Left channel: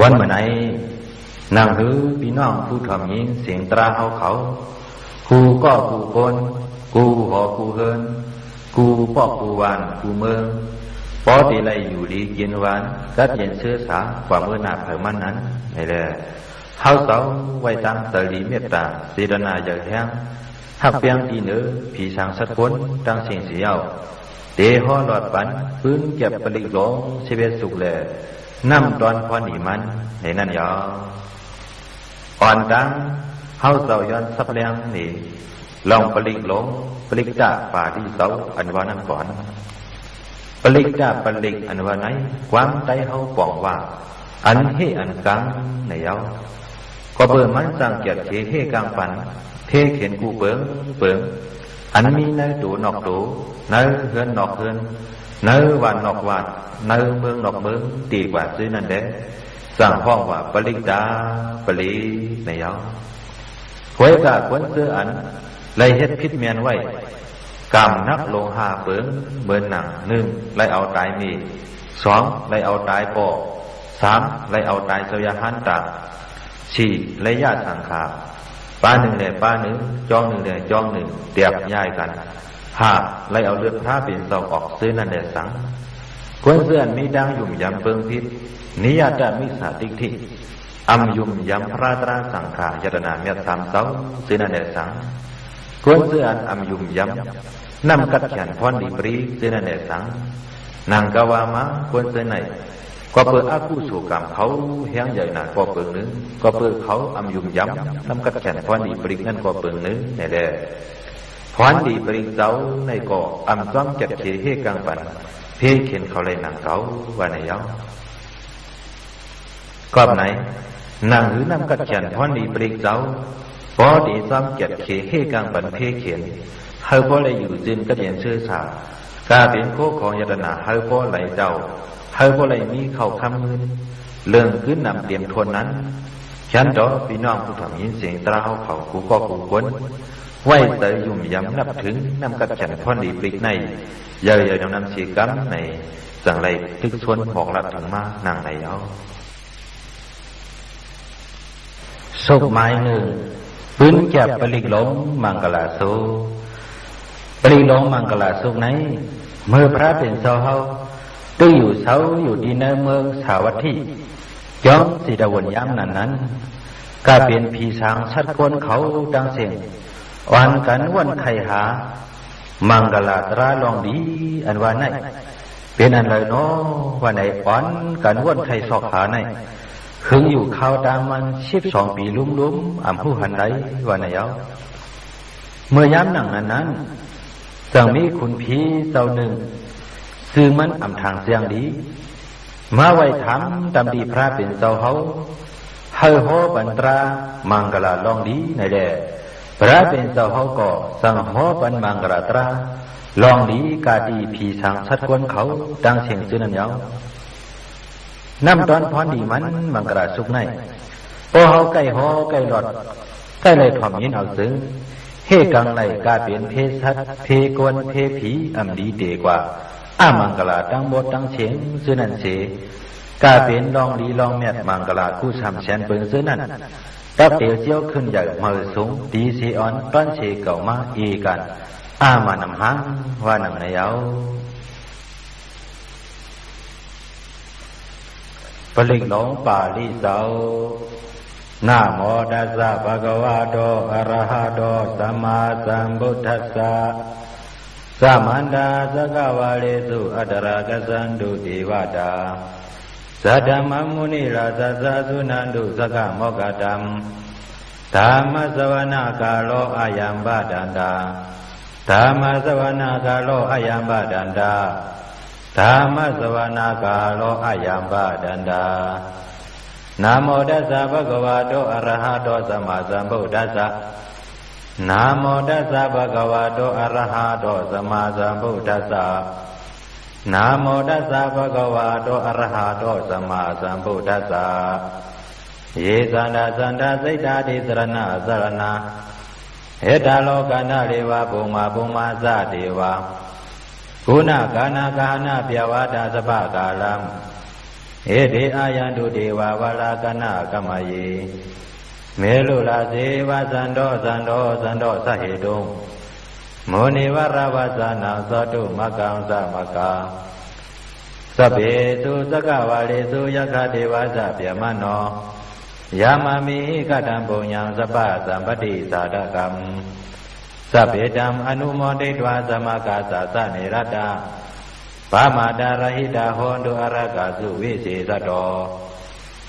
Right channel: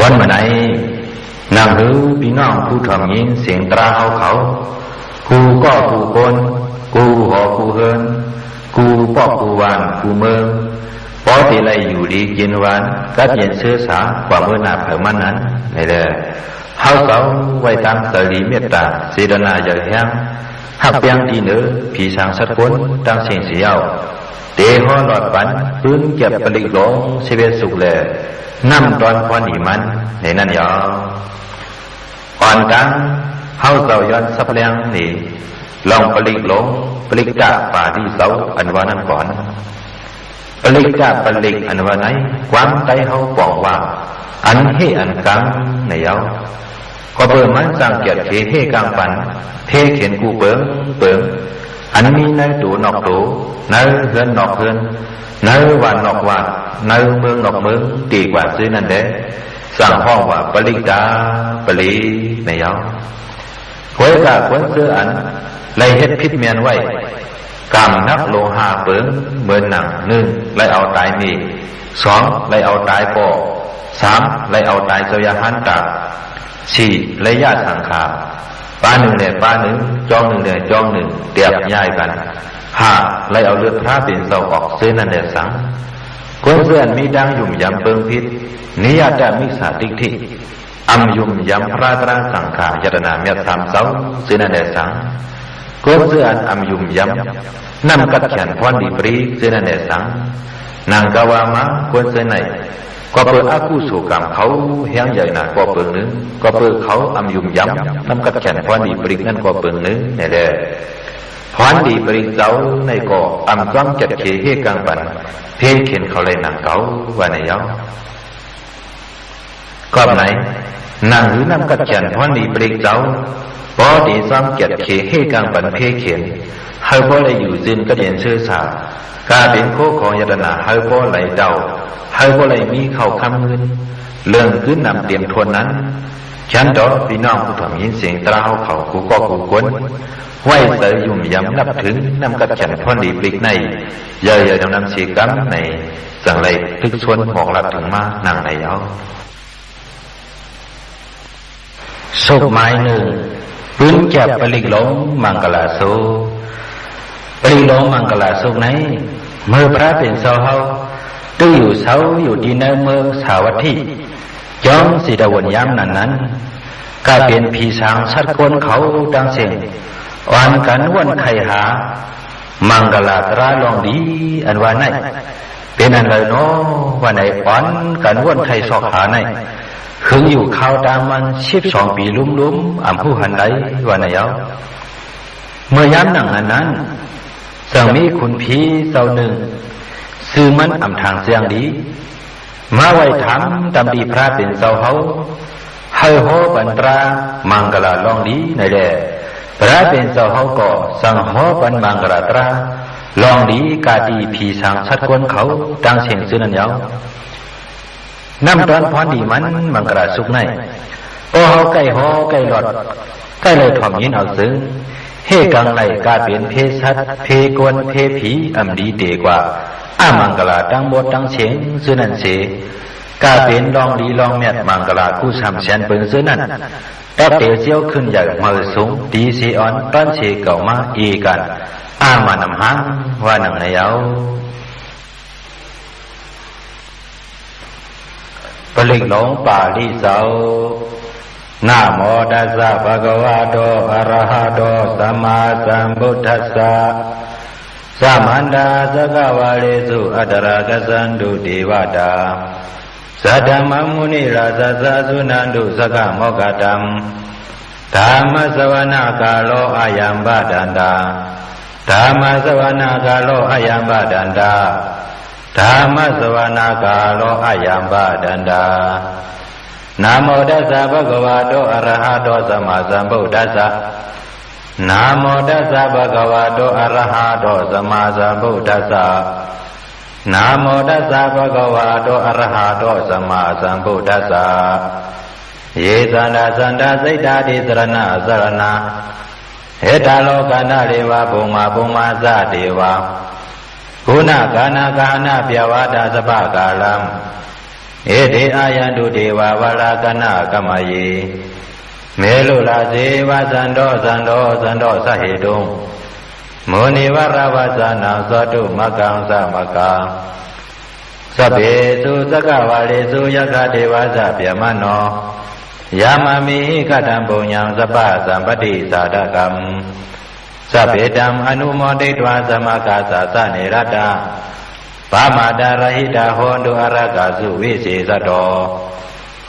วันเมื่อไหร่นางหือพี่น้องผู้ถ่อมยินเสียงตราเขากูก็กูคนกูหอกูเฮินกูปอกกูวานกูเมืองพอที่ไรอยู่ดีกินหวานกัดเย็นเชื้อสากว่าเมื่อนาเผมันนั้นนี่แหละเฮาเก่าไว้ตามสรีเมตตาเสดนาอย่าแห้งหักเปียงดีเนื้อผีสางสัตว์คนตั้งเสียงเสียวเตะห่อหลอดปันพื้นเก็บปลิกหลงเสเวสุกแลน้ำตอนพอหนีมันในนั้นยออ่อนกังเฮาเก่าย้อนสับเลียงนี่ลองปลิกหลงปลิกกะป่าที่เสาอันว่านั้นก่อนปลิกกะปลิกอันว่าไหนความใจเฮาปองว่าอันเฮอันกังในเยาก็เปิดมันสร้างเกียรติเฮกังปันเฮเขียนกูเปิงอันมีในตัวนอกตัวในเฮือนนอกเฮือนในวันนอกวันในเมืองนอกเมืองดีกว่าซื้อนั่นเด้สร้างห้องว่าปลิกาปลีในเยาควยกะควยเสื้ออันเลยเฮ็ดพิษเมียนไว้กำนักโลหะเปิงเหมือนหนังหนึ่งเลยเอาตายมีสองเลยเอาตายปอสามเลยเอาตายเสยหันตาสี่เลยญาติสังขาป้าหนึ่งเนี่ยป้าหนึ่งจองหนึ่งเนี่ยจองหนึ่งเตียบย้ายกันห้าเลยเอาเลือดพระเป็นเสาออกเส้นนั่นแหละสังคนเพื่อนมีดังยุ่มยำเปิงพิษนิยาแต่มิสาติทิอัมยุ่มยำพระตรังสังขายตนาเมียสามเสาเส้นนั่นแหละสังคนเพื่อนอัมยุ่มยำนำกัดแขนพรดีปรีเส้นนั่นแหละสังนางกาวามาคนเส้นไหนก็เปิดอากุศลกรรมเขาแห้งใหญ่หนาก็เปิดนึงก็เปิดเขาอัมยุ่มยำนำกัดแขนพรดีปรีนั่นก็เปิดนึงนี่แหละพรดีปรีเจ้าในก็อัมจ้องจัดเขเฮกังปันเพเข็นเขาเลยนางเก่าว่าในเย้าก็ไหนนางหรือนำกัดแขนพรดีปรีเจ้าพอดีซ้ำจัดเขเฮกังปันเพเข็นเฮาพอเลยอยู่จินก็เรียนเชื่อสาการเป็นโคของยตนาเฮาพอเลยเดาเฮาพอเลยมีเข่าคำเงินเรื่องขึ้นนำเตรียมทวนนั้นฉันดอกพี่น้องผู้ถ่อมยินเสียงตราเขากูก็กูกวนไหวเตยยุ่มยำนับถึงนำกัดฉันพรดีปลิกในเย่ยๆนำสีกัมในจังไรทึกชวนบอกหลับถึงมานั่งในเย้าสุกไม้หนึ่งพื้นแก็บปลิกหลงมังกลาโซปลิกหลงมังกลาโซไหนเมื่อพระเป็นเสาเฮาตื้ออยู่เสาอยู่ดีในเมืองสาวัตถีย้อมสีดาวนย้ำนั้นกลายเป็นผีสางชัดคนเขาดังเสียงอ่อนกันวันไข่หามังกลาตราลองดีอันว่าไหนเป็นอันเลยเนาะว่าไหนอ่อนกันวันไข่สอกหาไหนคืนอยู่ข้าวตามมัน12 ปีลุ้มอ่ำผู้หันไหลว่าไหนเอาเมื่อย้ำหนังนั้นจังมีคุณผีเจ้าหนึ่งซื้อมันอ่ำทางเสียงดีมาไว้ถามตำดีพระเป็นเจ้าเฮาให้โหปันตรามังกลาลองดีในแดพระเป็นเจ้าเฮาก็สั่งหอปันมังกลาตราลองดีกาดีผีสางชัดคนเขาดังเสียงซื้อนั่นเยาน้ำตอนพรดีมันมังกลาสุกในโอเฮาใกล้หอใกล้หลอดใกล้เลยถ่อมยินเอาซึ้งเฮกังไหลกาเปลี่ยนเพศัดเพกวนเพผีอำดีเดกว่าอามังกลาตั้งบทตั้งเสียงซื้อนั่นเสกาเป็นลองดีลองเมียดมังกลากู้สามแสนเปิงซื้อนั่นแต่เตียวเสี้ยวขึ้นใหญ่มือสูงดีเสียอ่อนต้นเชเก่ามาอีกันอามานำหางว่าหนังในเย้าปลิกหลงป่าลิเสานะโมตัสสะภะคะวะโตอะระหะโตสัมมาสัมพุทธัสสะสัมมันดาสกวาเลสุอัตระกสันตุเทวตาสัทธมมุนิราชสัสุนันตุสกโมกตัมธรรมสวนาคาโลอายัมบาดันตาธรรมสวนาคาโลอายัมบาดันตาธรรมสวนาคาโลอายัมบาดันตานะโมตัสสะภะคะวะโตอะระหะโตสัมมาสัมพุทธัสสะนะโมตัสสะภะคะวะโตอะระหะโตสัมมาสัมพุทธัสสะนะโมตัสสะภะคะวะโตอะระหะโตสัมมาสัมพุทธัสสะเยสันดาสันดาสิทธาติสรณะสรณะเหตาโลกานาเรวะภูมาสะเทวะกุณกานาเปียวาตาสภากาลัม เอเดอายันตุเทวาวรากนะกัมมเยเมลุลาเสวะสันโดสันโดสันโดสเหตุงโมนิวราวาสานังสตุมะกังสมะกังสัพเพสุสกวาเลสุยะกะเทวะสะเปียมโนยามามิกตัมปุญญังสัพพะสัมปติสาดกัมสัพเพตัมอนุโมทิตวาสมกาสะสะเนรตาปามาดารหิตาโหนตุอรกาสุวิเศษโต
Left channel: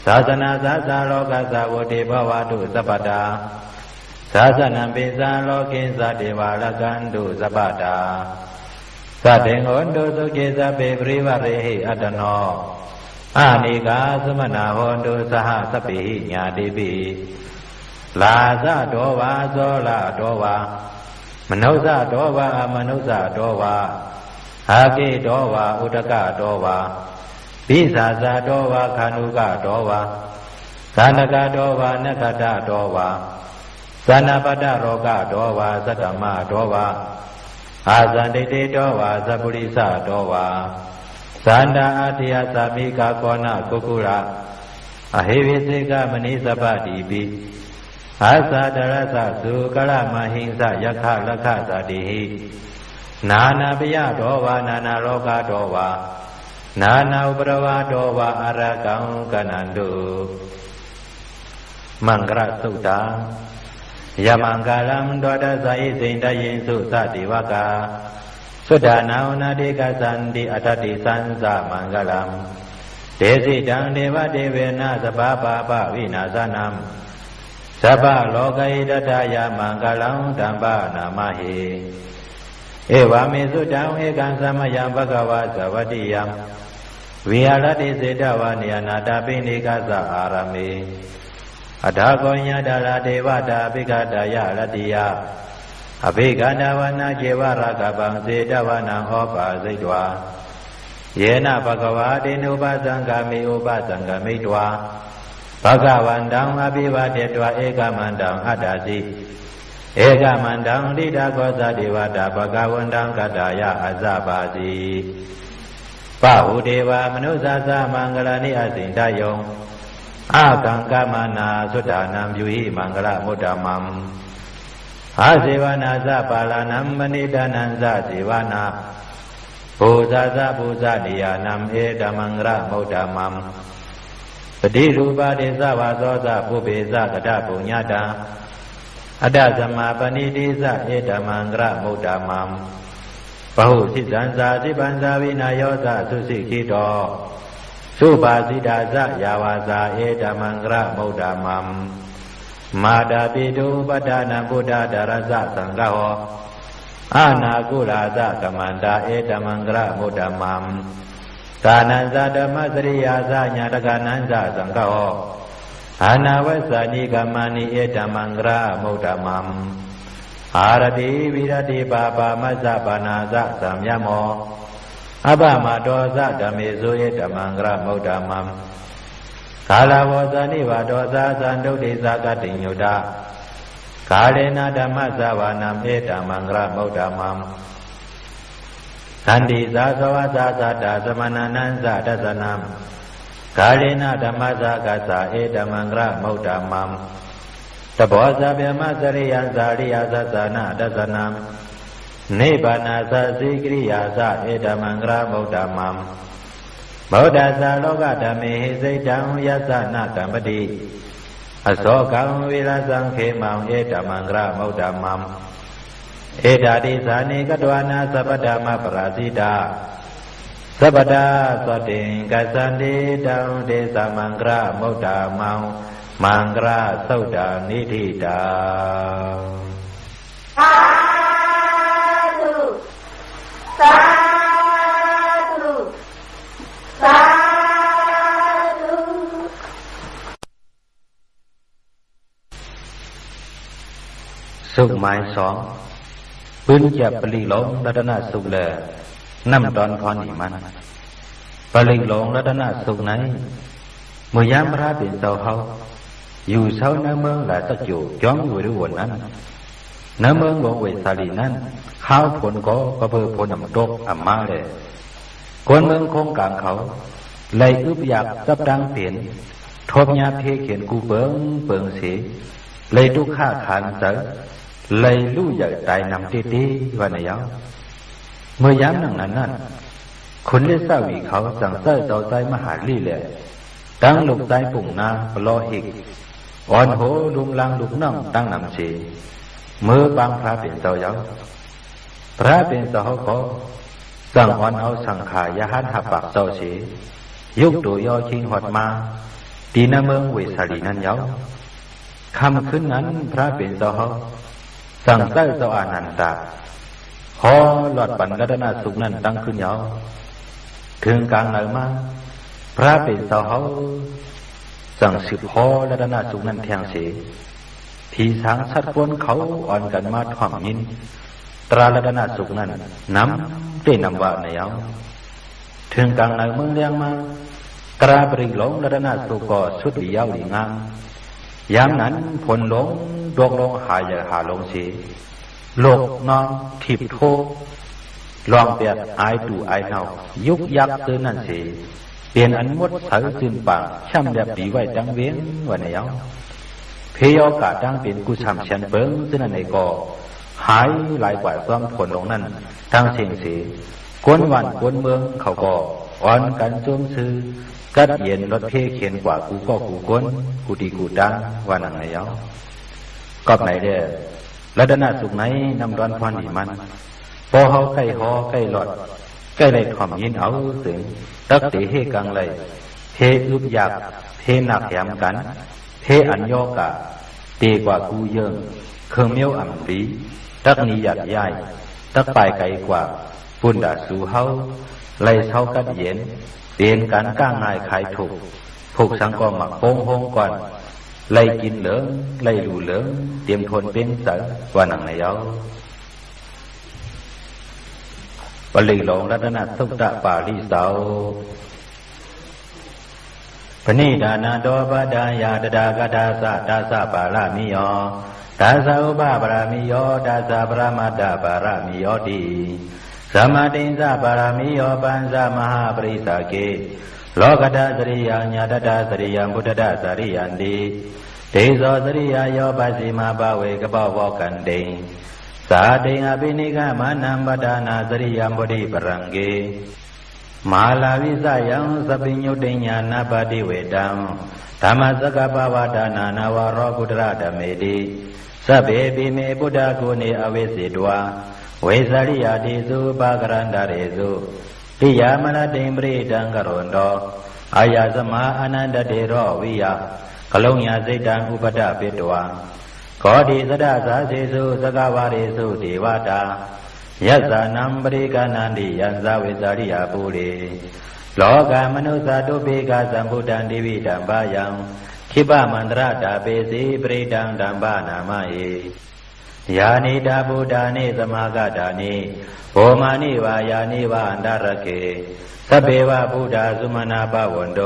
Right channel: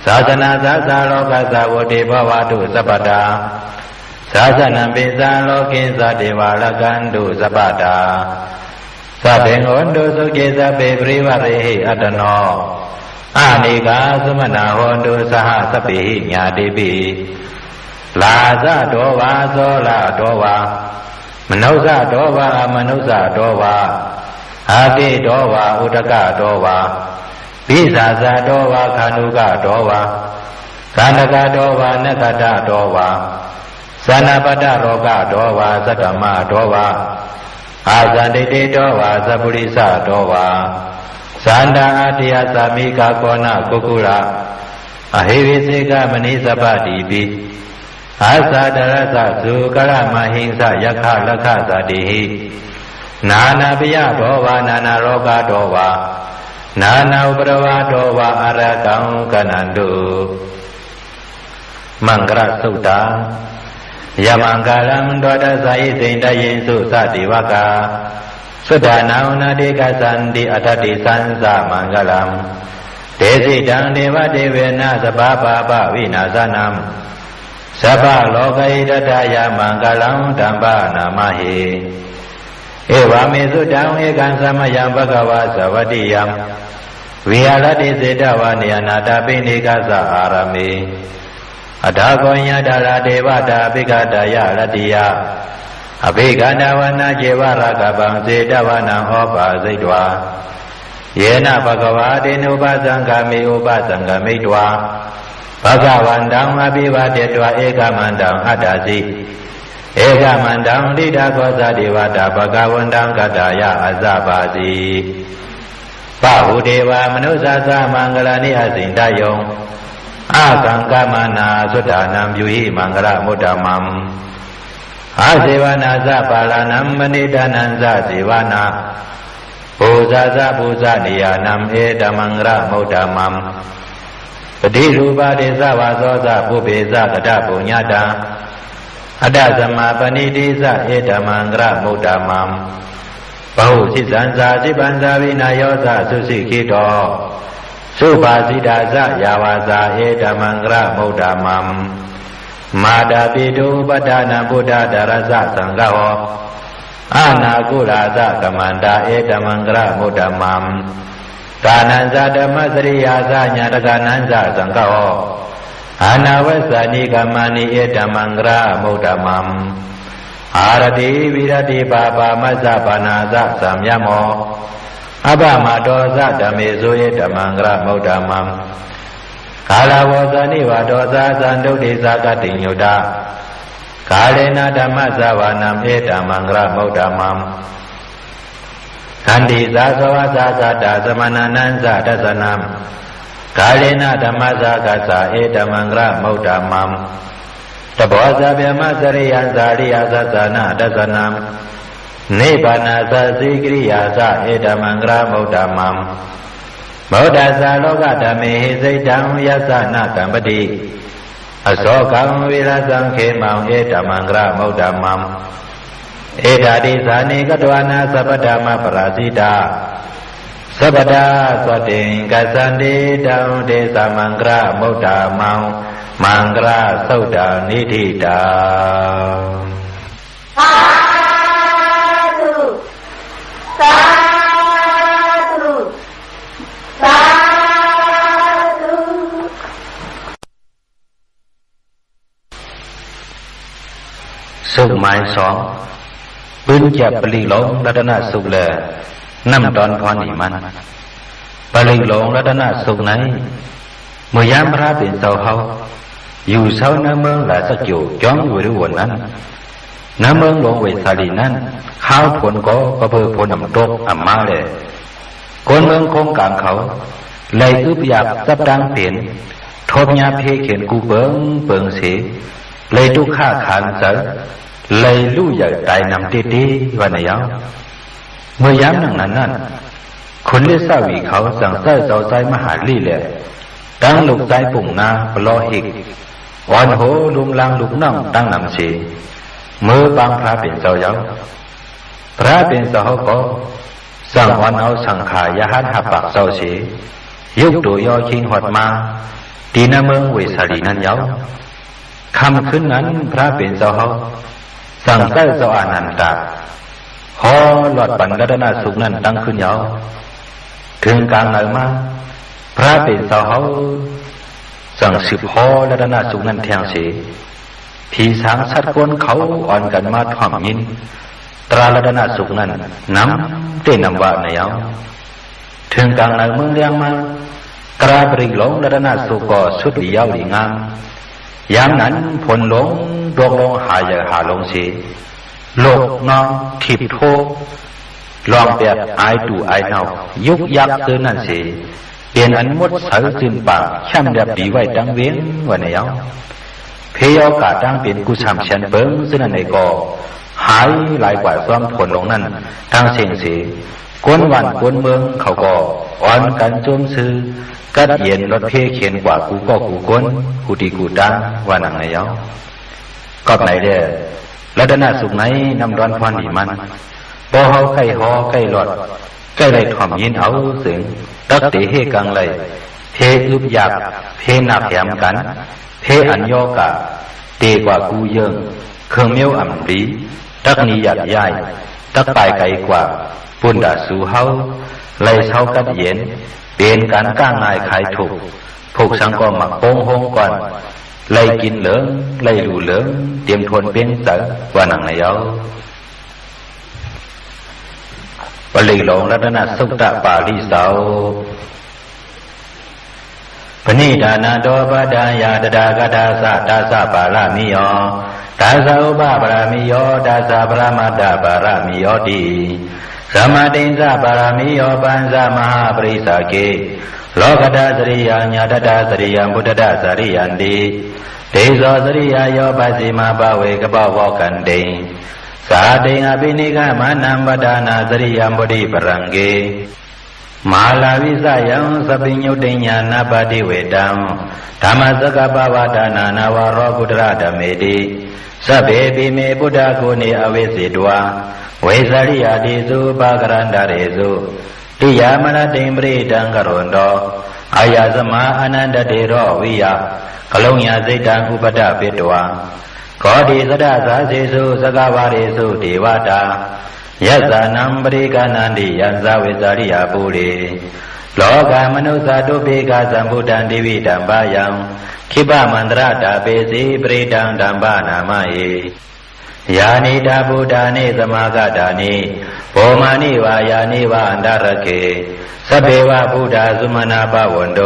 ศาสนาสัสสะโลกัสสะวติภวตุสัพพตาศาสนัมปิสาโลกิสะเทวาลกันตุสัพพตาสัพเพโหนตุสุขิสัพเพปริวะเรหิอัตโนอานิกาสมนาโหนตุสหสัพพิญาติปิลาสะโตวาโสลาโตวามนุสะโตวาอมนุสะโตวาอาติโตวาอุตกะโตวาปิสาสะโตวาคานุกะโตวากานกะโตวานกตะโตวาสนาปตะโรกะโตวาสัตตมะโตวาอาสันติติโตวาสัพพุริสะโตวาสันดาอติยสามิกาโกนะกุกุระอหิวิสิกามณิสัพพติปิอาสาดรสะสุกรมหิงสะยะคะละคะสติหินานาปิยะโตวานานาโรกะโตวานานาอุปรวะโตวาอรกังกนันตุมังกรสุตตายะมังกลังโดดสายิสินตยิสุสติวกาสุดานานาดิกสันติอัตติสันสะมังกลังเตสิตังเทวะเทเวนะสภาปะปะวินาสนัมสัพพะโลกัยตถายะมังกลังธัมปะนามหิเอวามิสุตังเอกังสัมมยังภะคะวะสวัสดิยังวิหารติเสตวะเนยนาตปิณิกัสสะอารามิอัฏฐโกญญาดาราเทวตาภิกขตายะรติยะอภิกขณวนาเจวรากบังเสตวะนังโอปาสิตวาเยนะภะคะวะเตนุปสังฆามิอุปสังฆมิตวาภะคะวันตังอภิวาเทตวะเอกมันตังอัตตาสิเอกมันตังดิดาโกสะเทวตาภะคะวันตังกัตตายะอัสสะปาสิปะหุเทวามนุสสะสะมังคลานิอสินทายงอาสังกามนาสุดานัมยุหิมังคละมุตตมัมอาเสวนาสะปาลานัมมณิดานันสะเสวนาปูซาสะปูซานิยานัมเอตมังคละมุตตมัมปฏิรูปาเดสะวาโสสะปุเบสะกตปุญญาตาอัตตสมาปณิติสะเอตมังคละมุตตมัมปะหุสิสันสาสิปันสาวินาโยสะสุสิกิโตสุภาสิตาสะยาวาสาเอตมังคละมุตตมัมมาดาปิตุปทานาพุทธดารสะสังฆโหอานาคุราสะกมันดาเอตมังคละมุตตมัมกานันสะธรรมสริยาสะญาตกานันสะสังฆโหอานาเวสานิกามานิเอตมังคละมุตตมัมอารติวิรติปาปามัสสะปานาสะสัมยโมอภมาโตสะธรรมิสุเอตมังคละมุตตมัมกาลาวสานิวาโตสะสันตุติสะกติญุตากาเลนะธรรมสวานัมเอตมังคละมุตตมัมขันติสาสวะสาสัตตสมนานันสะทัสสนัมกาเลนะธรรมสะกัสสะเอตมังคละมุตตมัมตโพสะเปมะสริยันสาริยสัสสนะทัสสนัมนิพพานาสัสสิกริยาสะเอตมังคละมุตตมัมโมดัสสะโลกธรรมิหิสิตังยัสสะนะกัมปติอโศกังวิรสังเขมังเอตมังคละมุตตมัมเอตติสานิกตวานาสัพพธรรมปราสิตาสัพพทาสติงกัสสันติตังเทสะมังคละมุตตมังมังคละสุตตานิธิตาสุขหมายสองปืนจับปลีหลงรัตนสุขแลน้ำตอนพรนิมันปลีหลงรัตนสุขไหนเมื่อยามพระเป็นเสาเฮาอยู่เสาในเมืองหลายสักอยู่จ้องอยู่ด้วยวันนั้นในเมืองหลวงเวสาลีนั้นข้าวผลก็เพื่อผลน้ำตกอ่ำมาเลยคนเมืองคงกลางเขา lấy ướp dạc sắp đang tiền thốp nhà phê khiến cụ bướng xế lấy trúc khá khán sở lấy lưu giờ tại nằm tê tê và này áo mới dám năng nănคนเลี้ยสาวีเขาสั่งใส่เสาใจมหาลีแหละตั้งลูกใจปุ่งนาปลอหิกอ่อนโหลุมลางลุกน้ำตั้งนำเสียมือบางพระเป็นเจ้าเย้าพระเป็นเจ้าก็สั่งอ่อนเอาสังขายาหันหับปากเจ้าเสียยุกตัวยอชิงหดมาตีนาเมืองเวสาลีนั้นเย้าคำขึ้นนั้นพระเป็นเจ้าเขาสั่งใส่เจ้าอนันตาพอหลอดปันรัตนสุขนั้นตั้งขึ้นเย้าถึงกลางไหนมาพระเป็นเจ้าเขาสั่งสืบพอรัตนสุขนั้นแทงเสียผีสางสัตว์กวนเขาอ่อนกันมาถ่อมยินตรารัตนสุขนั้นน้ำเต้นนำว่าในเย้าถึงกลางไหนเมืองเลี้ยงมากระบริหลงรัตนสุขก็สุดหลีเย้าหลีงามยามนั้นผลหลงดวงลงหาอย่าหาลงเสียโลกน้องทิพโทลองแบบไอดูไอเนายุกยักเตือนนั่นเสียเปลี่ยนอันมดเสือซึนปากช่ำแบบดีไว้ดังเว้นวันนี้เอาเพยอกาดังเป็นกุศลเชียนเบิ้งซึ่งนั่นในก็หายหลายกว่าซ้อมผลลงนั้นทางเสียงเสียกวนวันกวนเมืองเขาก็อ่อนกันโจมซื้อกัดเย็นรถเพเขียนกว่ากูก็กูกวนกูดีกูดังว่านังในเอากอบไหนเด้อรัตนสุขไหนนำร้อนพรดีมันบ่เฮาใกล้หอใกล้หลอดใกล้ได้ถ่อมยินเอาเสียงตักเตเฮกังเลยเพอึบยักเพนับแถมกันเพอัญโยกะเตกว่ากูเยิงเครื่องเมียวอ่ำดีตักนี้หยัดย้ายตักไปไกลกว่าปุ่นดาสู่เฮาไล่เฮากัดเย็นเป็นการก้างง่ายขายถูกผูกสังก็หมักโป้งห้องก่อนไล่กินเหลืองไล่หลูเหลืองเตรียมทนเป็นเสือว่าหนังในเย้าปลีหลงรัตนสุตตะปาลิเสาปณิดานาโดปดายาตดากดาสะดาสะปารามิโยดาสะอุปปารามิโยดาสะปรามาดาปารามิโยติสมาตินสะปารามิโยปัญสะมหาปริสาเกโลกดาสริยาญาตดาสริยังพุทธดาสริยันติเตโสสริยาโยปัสสิมาภเวกปวะกันติสาติงอภินิกมานัมปดานาสริยังบุริปรังเกมาลาวิสยังสปิญญุติญาณปฏิเวตังธรรมสกปวดานานาวโรพุทธะธเมติสัพเพปิเมพุทธโกเนอเวสิตวาเวสริยาติสุปะกรันดาเรสุติยามนะติมปริตังกรุณโตอายาสมาอนันตเตโรวิยากลงยาสิตังอุปดาปิตวาขอดีสดาสาเสสุสกาวาเรสุเทวตายัสสานัมปริกานันติยัสสาเวสริยาปุเรโลกามนุสาตุเปกาสัมพุทธันดิวิตัมปายังขิปะมันตระตาเปสีปริตังดัมปนามาเยานิดาบุดานิสมากดานิโภมานิวายานิวาอันดารเกสเปวะพุทธาสุมาณาปวันโต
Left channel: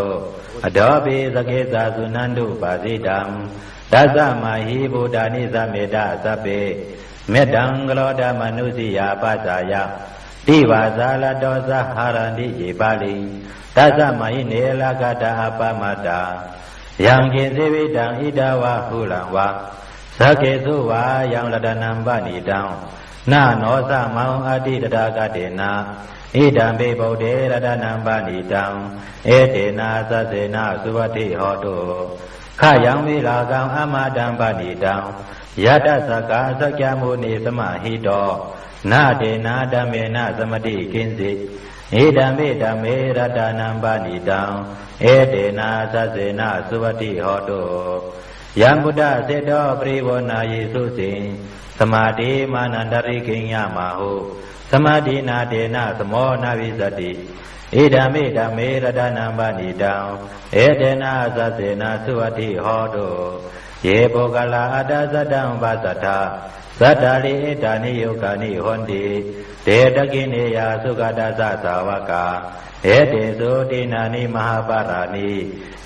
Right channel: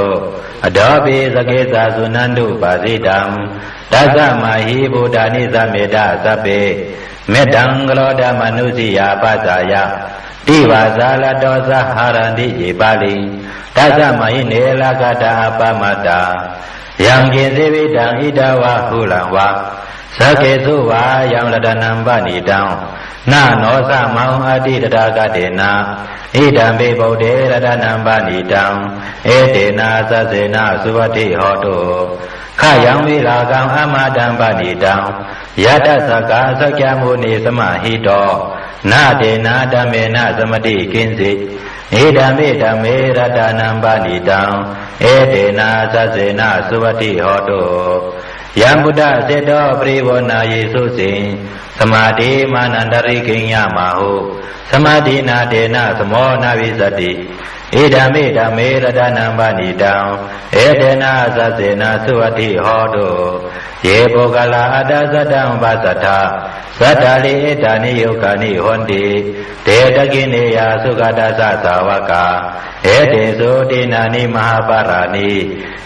อดอปิสเกสาสุนันตุปาสิตัมตัสสะมาหิบุดานิสเมตตาสัพเพเมตังกโลดามนุสิยาปัสสายะติวาสาลโตสหารันติเอปาลิตัสสะมาหิเนลกตาอปมัตตายังเกสิวิตังอิดาวะหุลังวะสเกสุวายังรัตนัมปณิตังนาโนสะมังอติตตากเตนะอิดัมเปโพเดรัตนัมปณิตังเอเตนะสัสเสนะสุวัติโหตุขยังวิลากังอมาดัมปณิตังยะตัสสกาสัจจมุนิสมหิโตนาเตนะธัมเมนะสมติกินสิอิดัมเปธัมเมรัตนัมปณิตังเอเตนะสัสเสนะสุวัติโหตุยามพุทธเสดปริวนาเยสุสิสมาธิมานันตริกิญญามาหุสมาธินาเตนะสมอนาวิสติอิดัมเมธัมเมรตนัมปณิตังเอเตนะสัสเสนะสุวัติโหตุเยโภกลาอัตสัตตังปัสสัทธาสัตตาลิเอตานิโยกานิหนติเตตะกิเนยาสุขตัสสะสาวกาเอเตสุตินานิมหาปารานิ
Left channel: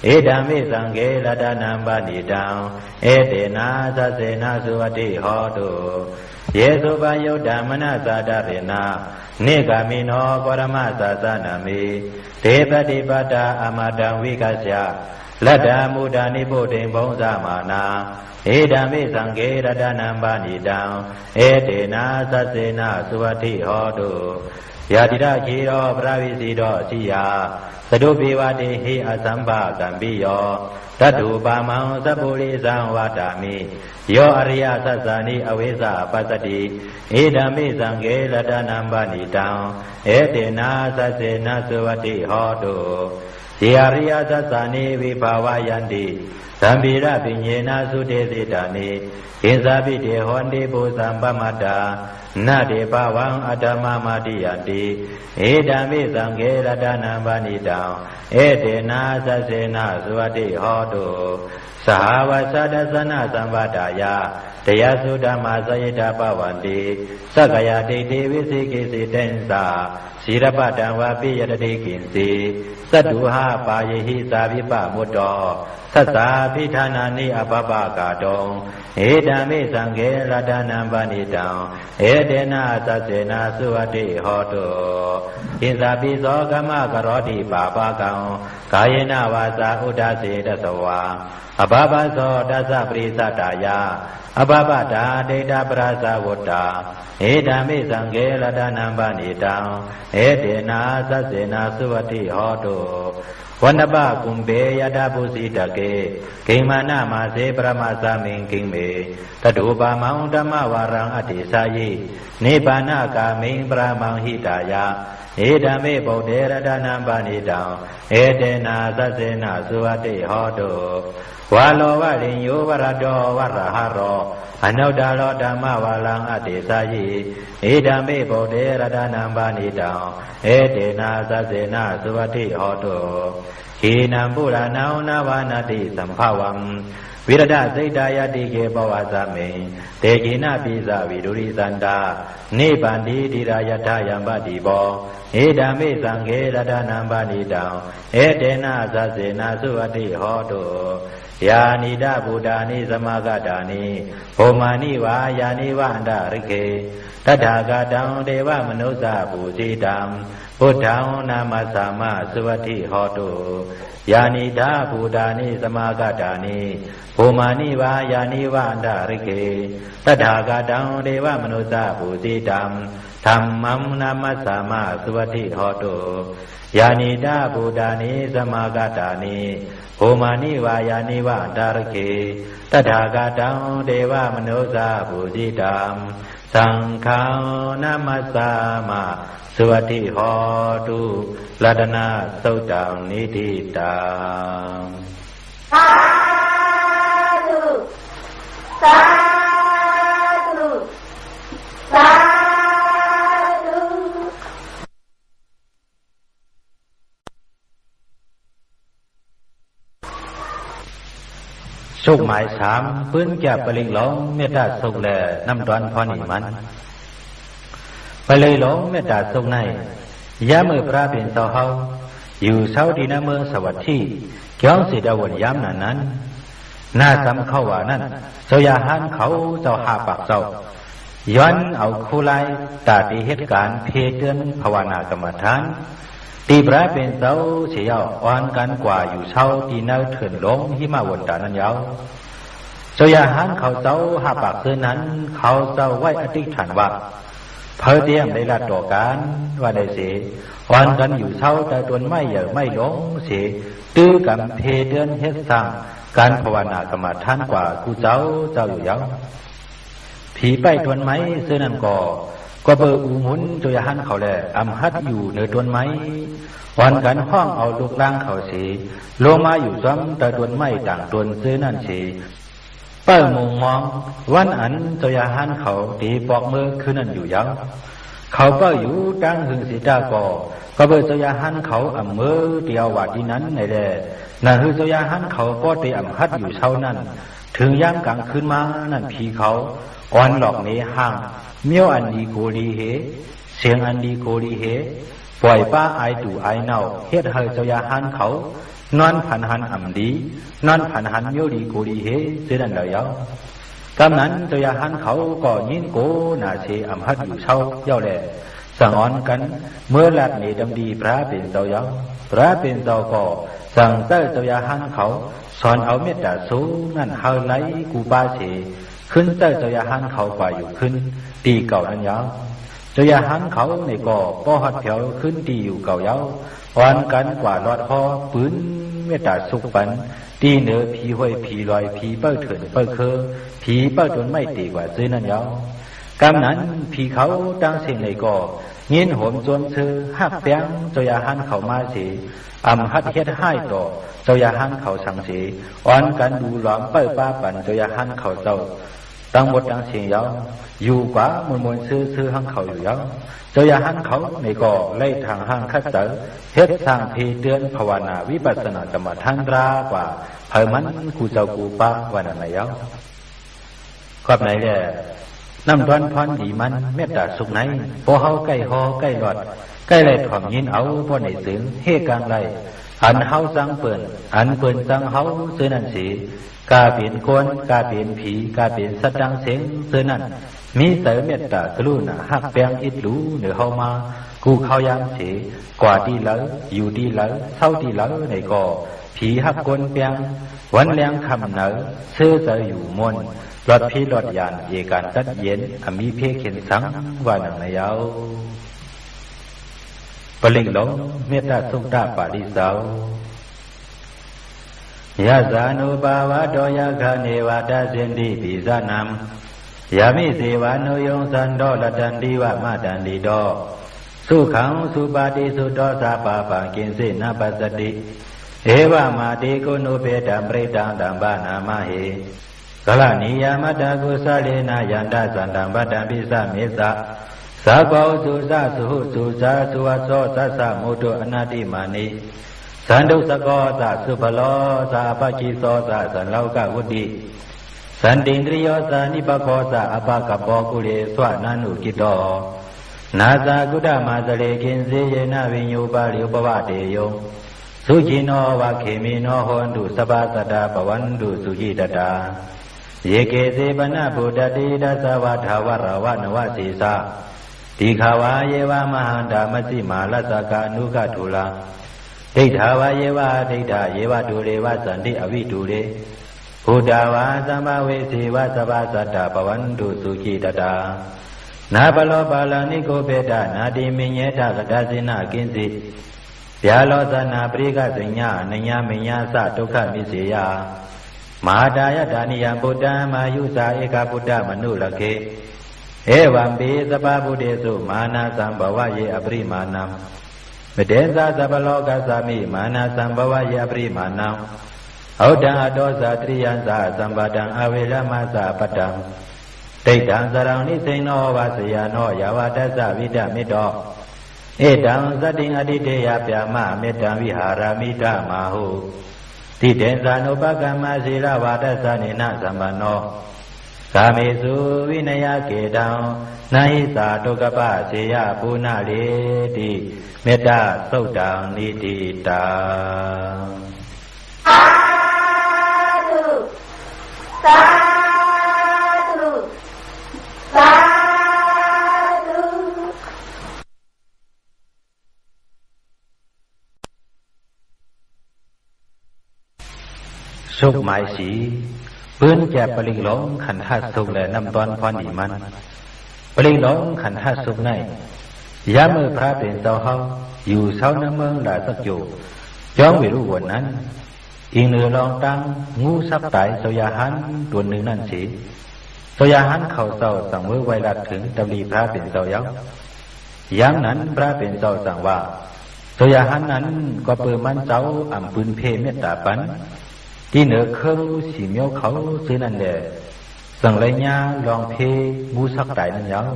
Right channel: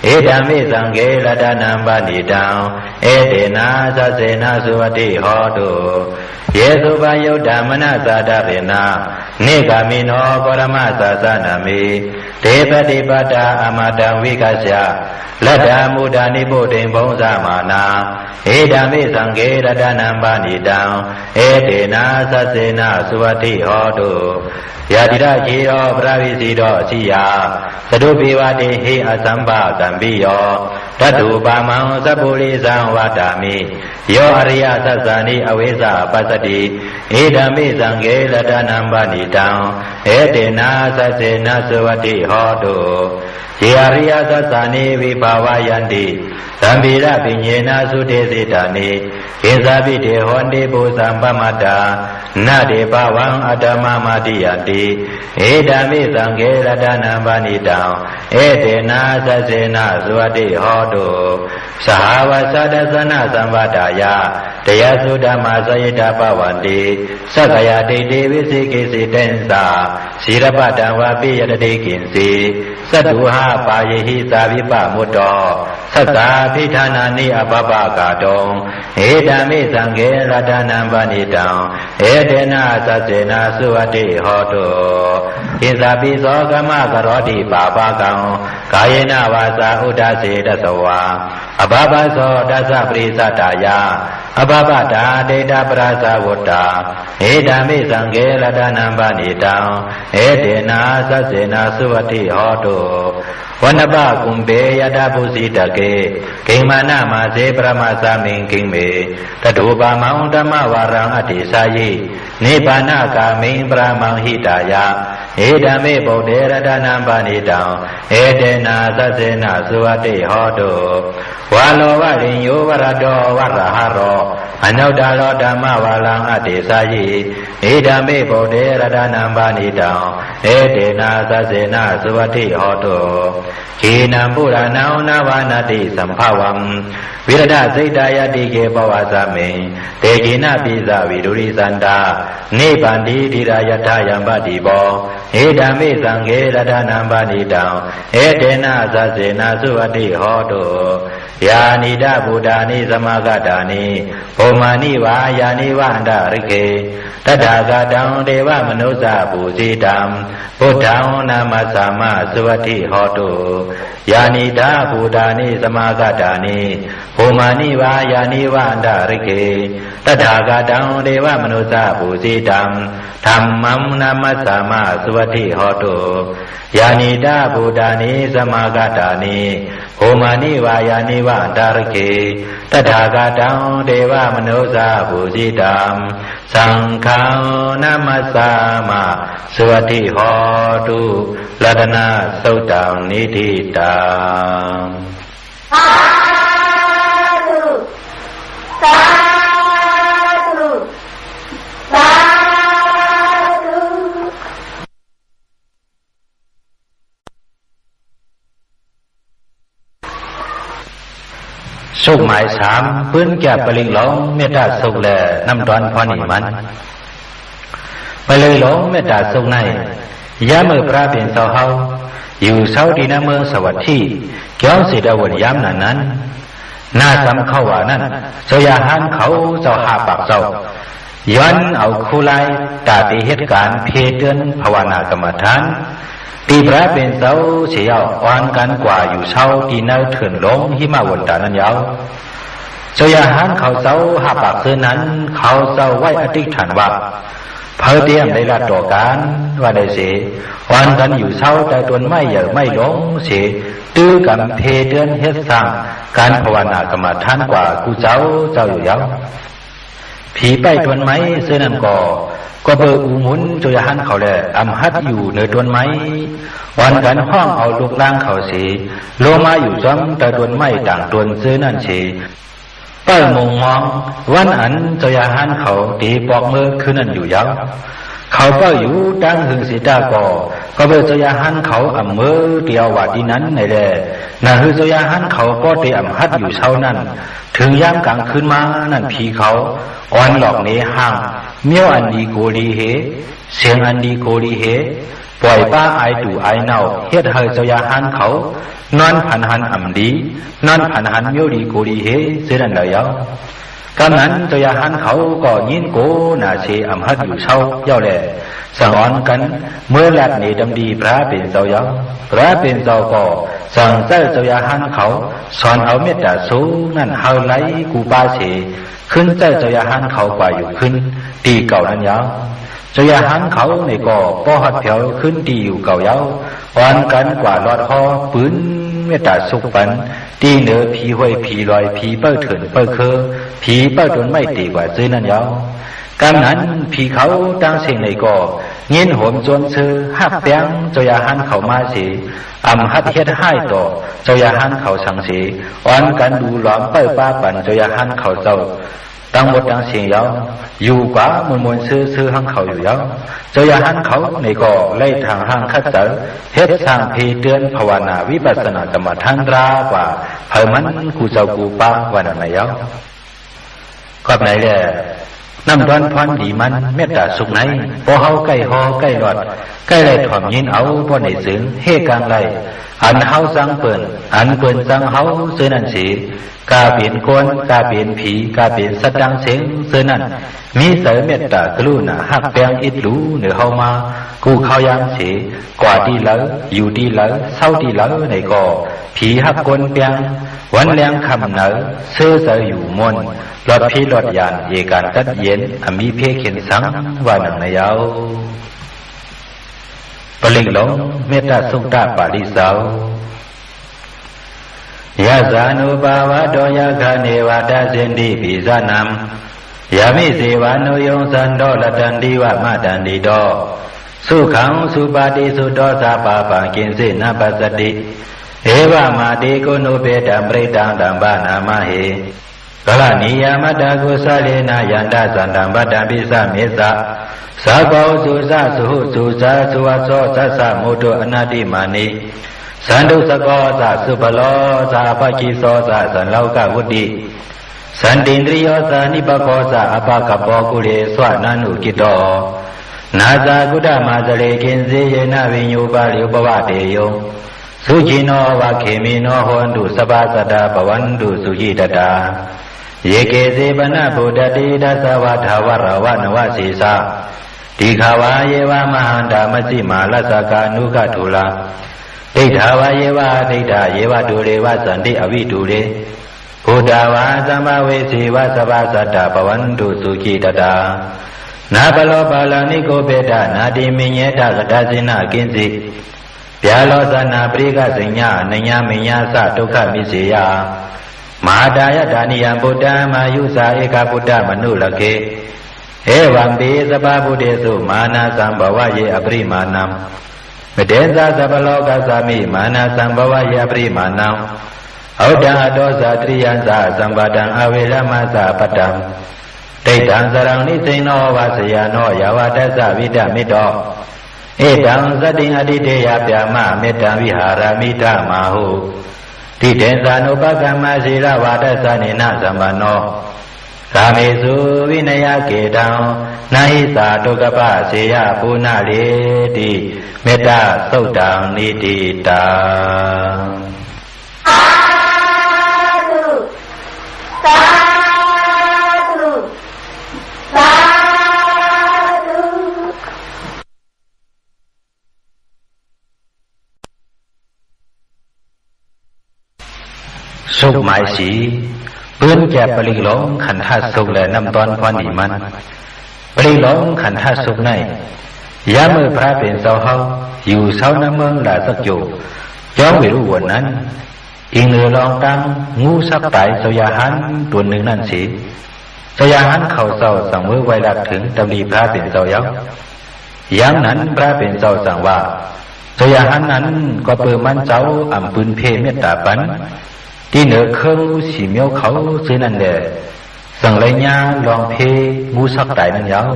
เอธัมเมสังเกรัตนัมปณิตังเอเตนะสัสเสนะสุวัติโหตุเยสุปยุตตมนะสาดาเรนะเนกามิโนปรมะสาสนามิ เทปฏิปตาอมาตังวิกัสสะลัดดามุดานิโพธิบงสมานาเอดามิสังเกรตนัมปานิตังเอเตนะสัสเสนะสุวัติโหตุยาติระเชโรปราวิสีโรสิยาสดุปิวะเตหิอสัมปะสัมปิโยตัตุปามังสัพพุริสังวัฏามิโยอริยสัสสานิอเวสะปัสสติเอดามิสังเกรตนัมปานิตังเอเตนะสัสเสนะสุวัติโหตุเยอริยสัสสานิวิภาวายันติสัมปิระปิญเยนะสุเทสิตานิกิสาปิเตหอนติปุสัมปมัตตานาเดปวังอัตมะมาติยันติเอดามิสังเกรตนัมปานิตังเอเตนะสัสเสนะสุวัติโหตุสหาวาสัตสนะสัมปทายาตยสุဓม္မာสยิตาปวันติสักยาติเตวิสิกิสิเตนสาศีรปตังวะปิยตติกินสีสัตตุหาปายหิสาวิปมุตโตสัตตาภิธานานิอปปะกาตงเอดามิสังเกรตนัมปานิตังเอเตนะสัสเสนะสุวัติโหตุกิสาปิโสกมะกโรติปาปะกังกายเนวาสาอุดาเสตสวาอภปะโสตัสสะปริสัตตายาอภปตาเดตปราสาวตตาเอดามิสังเกรตนัมปานิตังเอเตนะสัสเสนะสุวัติโหตุวันปะกุมเบยตาปุสิตเกกิมานะมาเสปรมาสามิงกิเมตถุปามังธรรมวารังอติสายินิพพานกามิงปรามังหิตายะเอดามิปุเตรตนัมปานิตังเอเตนะสัสเสนะสุวัติโหตุวาโลวะริญโยวรโตวรหะโรอนุตตโรธรรมวารังอติสายิเอดามิปุเตรตนัมปานิตังเอเตนะสัสเสนะสุวัติโหตุขีนัมปุรานังนาวานาติสัมภวังวิรดาสิตายติเกปวาสเมเตกินะปิสาวิดุริสันตานิปันติธิรายทายัมปติโปเอดามิสังเกรตนัมปานิตังเอเตนะสัสเสนะสุวัติโหตุยานิดาบุดานิสมากตานิโภมานิวายานิวันดาริเกตถาคตังเทวมนุสสะปุสิตังพุทธังนามัสสามะสุวัติโหตุยานิดาบุดานิสมากตานิโภมานิวายานิวันดาริเกตถาคตังเทวมนุสสะปุสิตังธัมมังนามัสสามะสุวัติโหตุยานิดาบุดานิสมากตานิโภมานิวายานิวันดาริเกตถาคตังเทวมนุสสะปุสิตังสังฆังนามัสสามะสุวัติโหตุรัตนะสุตตังนิธิตังสาธุสาธุสาธุสุขหมายสามปื้นแก่ปลิงหลงเมตตาสุขแลน้ำตอนพอนี่มันไปเลยหลงเมตตาสุขในยามเมื่อพระเป็นสาวเฮาอยู่เสาดีนาเมืองสวัสดีแก้วสิดาวนยามนั้นน่าจำเข้าว่านั้นเสยาหานเขาเจ้าหาปากเจ้าย้อนเอาคู่ไล่ตาตีเหตุการณ์เพเตือนภาวนากรรมฐานปีพระเป็นเสาเสียอ่อนกันกว่าอยู่เช้าที่เนื้อเถื่อนลงหิมะวนตานั้นยาวเสยาหานเขาเจ้าหาปากเสื้อนั้นเขาเจ้าไว้อธิษฐานว่าเพอเตียมได้ละต่อการว่าได้เสียอ่อนกันอยู่เช้าแต่ตนไม่เหย่อไม่หลงเสียตื้อกันเพเตือนเฮ็ดสร้างการภาวนากรรมฐานกว่ากูเจ้าอยู่ยาวผีไปตนไม้เสื้อนั้นก็เบออูหมุนจยหันเขาแหละอำหัดอยู่ในต้นไม้วันกันห้องเอาลูกล่างเขาสีโลมาอยู่จ้ำแต่ต้นไม้ต่างต้นซื้อนั่นสีเป้ามงมองวันอันจยหันเขาตีปอกมือคือนั่นอยู่ยาวเขาก็อยู่ดังหึงสีตาก็เบอจยหันเขาอำมือเดียวว่าดีนั้นในแหละนั่นคือจยหันเขาก็ตีอำหัดอยู่เช้านั้นถึงย่างกลางคืนมานั่นผีเขาอ่อนหลอกเนห่างเมียวอันดีโกลีเหเสียงอันดีโกลีเหปล่อยป้าไอตู่ไอเน่าเฮ็ดเฮยเจ้ายาหันเขานอนผันหันอ่ำดีนอนผันหันเมียวดีโกลีเหเสียนั่นเลยเอากำนั้นเจ้ายาหันเขาก็ยินโกน่าเชอ่ำฮัดอยู่เช้าเย้าแหล่ สั่งอ่อนกันเมื่อหลัดนี้ดำดีพระเป็นเจ้าเยาพระเป็นเจ้าก็สั่งเจ้าเจ้าหันเขาสอนเอาเมตตาสูงนั่นเฮาไหลกูปาเสขึ้นเจ้าหันเขากว่าอยู่ขึ้นตีเก่านั้นยาวเจ้าหันเขาในก็ป้อหัดเผียวขึ้นตีอยู่เก่าเยาอ่อนกันกว่าลอดหอปืนเมตตาสุกปันตีเหนือผีห้วยผีลอยผีเป้าเถินเป้าเคอผีเป้าจนไม่ตีกว่าซื้อนั่นยาวการนั้นผีเขาตั้งเสียงในก็เงินโหมจนซื้อหักแป้งเจ้าหันเขามาเสียหัดเฮ็ดให้ต่อเจ้าหันเขาสังเสียอ่อนกันดูหลอมเป้าป้าปั่นเจ้าหันเขาเจ้าตั้งหมดตั้งเสียงยาวอยู่กว่ามนซื้อหังเขาอยู่ยาวเจ้าหันเขาในก็ไล่ทางห้างคัดเจอเฮ็ดสร้างเพเตือนภาวนาวิปัสสนากรรมฐานรากว่าเพิ่มันกูเจ้ากูป้าวันไหนยาวก็ไหนแหละน้ำร้อนพรดีมันเมตตาสุขไหนพอเฮาใกล้หอใกล้หลอดใกล้ไรถ่อมยินเอาพอในสึงเฮกลางไรอันเฮาสังเปิ่นอันเปิ่นสังเฮาซื้อนั่นสีกาเปลี่ยนคนกาเปลี่ยนผีกาเปลี่ยนสัตว์ดังเสียงซื้อนั่นมีเสเมตตากรุณาหักแปลงอิดรู้เหนือเฮามากูเข้ายามสีกว่าดีแล้วอยู่ดีแล้วเศร้าดีแล้วในก็ผีหักคนแปลงวันแรงคำเหนือซื้อเสอยู่มนรถพี่รถยานเอการตัดเย็นมีเพเข็นสังว่าหนังนายาวปลิงหลงเมตตาสุขตาปาริสาวยะสานุภาวะโตยะคาเนวะตาสินติปิสานามยามิเสวานุยงสันโตละตันติวะมะตันติโตสุขังสุปาติสุโตสัพพะปังกินสินะปัสสติเอวะมาติโกโนเปตัมปริตังตัมปะนามะเหกลานิยามตากุสเลนะยันตสันตัมปะตัมปิสะเมสะสาโกสุสะสุหุสุสะสุวัสโสสัสสะโมตุอนาติมานิสันตุสกอสะสุปโลสะปะกิโสสะสันโลกวุติสันตินทริโยสะนิปโกสะอปะกปโปกุเลสวะนานุกิโตนาสากุฎมาสเลกินสีเยนะวิญญูปาลิอุปวะเตโยสุจิโนวะเขมิโนโหนตุสปาสัตตาปวันตุสุจิตตาเยเกเสปนะโพธติดัสสวะทาวรวะนวสีสาติขาวาเยวามหันตามสิมาลัสสกานุกทุลาดိဋ္ဌာဝါယေဝဒိဋ္ဌာယေဝတုလေဝသန္တိအဝိတုလေဘုဒ္ဓဝါသမ္မာဝေစီဝသဗ္ဗသတ္တပဝန္တုစုจิตตาနာဘလောပါဠနိကိုပေတနာတိမညေတကတဇိနကိဉ္စီဗျာလောသနာပရိကစိညနညာမညာသဒုက္ခမိစေယမဟာတာယဒါနိယံဗုဒ္ဓံမာယုဇာဧကဗုဒ္ဓမနုလကေဧဝံပိသဗ္ဗဗုဒ္ဓေစုမာနာသံဘဝယေအပရိမာဏံမတေဇာသဗ္ဗလောကသမိမာနာသံဘဝယေအပရိမာဏံဩဒံအတောဇာတရိယံဇာသံပါတံအဝေရမဇာပတ္တံဒိဋ္ဌံစရံနိစိနောဝါစယနောယဝတ္တဝိတမေတ္တောဧတံသတ္တိအတိတေယပြမမေတ္တံဝိဟာရမိတမဟုတိတေဇာနုပကမ္မစီရဝါဒသနေနသမ္ပနောကာမေစုဝိနယကေတံနာဟိသာဒုက္ခပစေယပုဏ္ဏလေတိမေတ္တသုတ်တံနိတိတာสุขหมายสีเปื้อนแก่ปริหลงขันธาสุขและน้ำตอนพรนีมันปริหลงขันธาสุขในยามมือพระเป็นเสาเฮาอยู่เสาน้ำเมืองหลาสักอยู่ย้อมไม่รู้วันนั้นอิงเรือลองตั้งงูสักไตสยาหันตัวหนึ่งนั่นสีสยาหันเข่าเสาสั่งมือไว้ดักถึงตำลีพระเป็นเสาเย้าอย่างนั้นพระเป็นเสาสั่งว่าสยาหันนั้นก็เปิดมันเจ้าอ่ำปืนเพเมตตาปันที่เหนือเครื่องสีเมียวเขาซื้อนั่นแหละสั่งไรญาลองเพงูสักไตนั่นยาว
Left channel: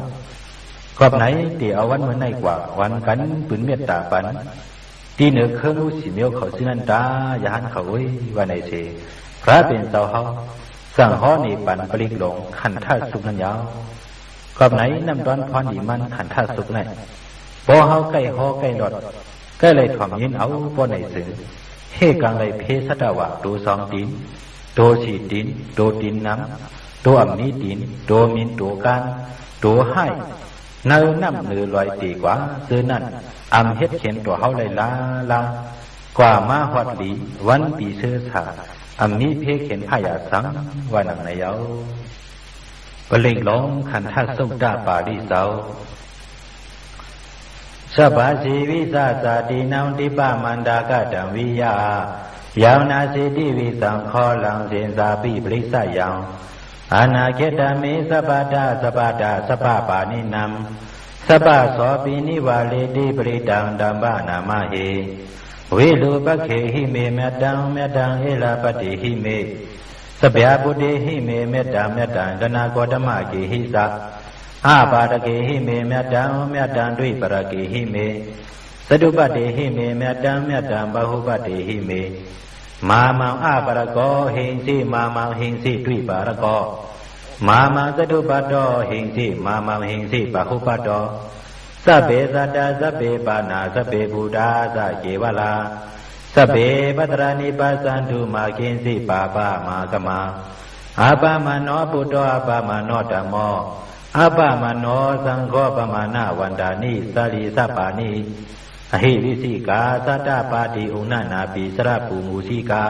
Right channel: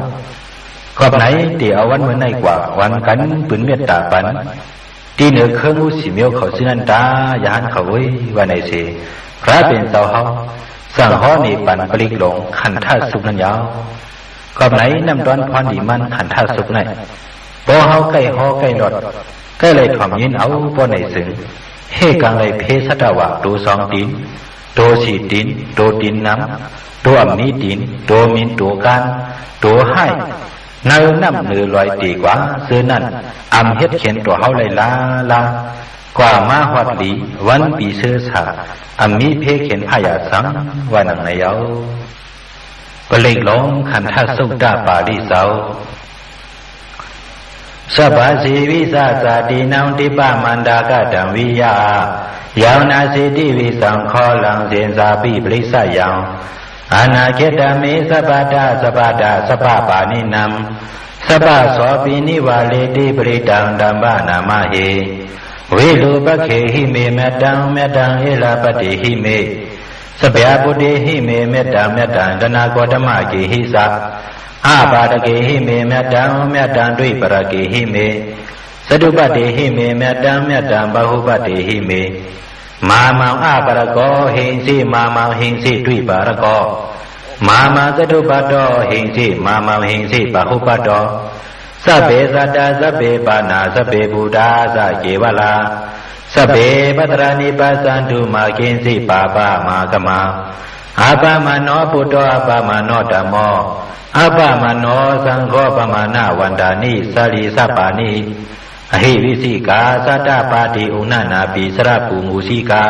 ขอบไหนที่เอาวันเมื่อไหนกว่าวันกันปืนเมตตาปันที่เหนือเครื่องงูสีเมียวเขาซื้อนั่นตายานเขาไว้วันไหนเสพระเป็นเสาเฮาสั่งห้อนี่ปันปลิกหลงขันธาสุกนั่นยาวขอบไหนน้ำตอนพรดีมันขันธาสุกไหนพอเฮาใกล้หอใกล้หลอดใกล้เลยถ่อมยินเอาพอไหนสึงเฮกังเลยเพสตาวะตัวสองตีนตัวสี่ตีนตัวตีนน้ำตัวมีตีนตัวมินตัวการตัวให้ เนื้อน้ำเนื้อลอยตีกว่าซื้อนั่นอำเฮ็ดเขียนตัวเฮาเลยลากว่ามาฮอดหลีวันปีเสื้อสาอำมีเพเขียนพายาสังว่านังในเยาก็เล็กลงขันทัสุดาปาริเสาสบาสีวิสาสาตินังติปามันดากะดังวิยายาวนาสิติวิสังขอลังเสียนสาปิปริสยังอานาเกตเมสปาดาสปาดาสปาปานินัมสปาโสปินิวาเลติปริตังดัมบานามาเหဝိလူပခေဟိမေမေတ္တံမေတ္တံဧလပတ္တိဟိမေစဗျာပုတိဟိမေမေတ္တံမေတ္တံတဏဂောတမကေဟိသအပါဒကေဟိမေမေတ္တံမေတ္တံဒွိပရကေဟိမေသတုပတ္တိဟိမေမေတ္တံမေတ္တံဘဟုပတ္တိဟိမေမာမံအပရကောဟိဉ္စိမာမံဟိဉ္စိဒွိပရကောမာမံသတုပတ္တောဟိဉ္စိမာမံဟိဉ္စိဘဟုပတ္တောสเปสัตตาสเปปานาสเปบูดาสเกวลาสเปปัตรานิปัสสันตุมากินสิปาปามากมาอาปามโนปุตโตอาปามโนธัมโมอาปามโนสังโฆปมานาวันดานิสาลีสัปปานิอหิวิสิกาสัตตปาติอุณนาปิสระภูมุสิกา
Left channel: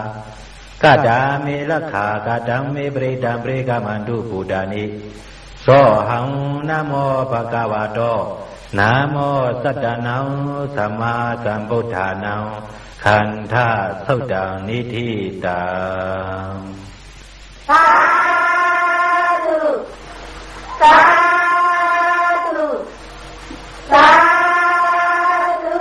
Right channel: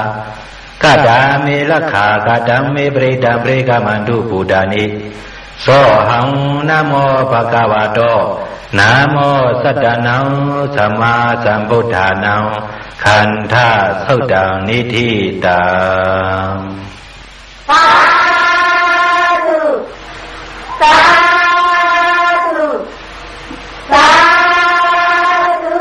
กะดาเมลักขากะดังเมปริตังปริกามันตุปุดานิโสหังนะโมภะคะวะโตนะโมสัตตานังสัมมาสัมพุทธานังขันธาสุตังนิธิตังสาธุสาธุสาธุ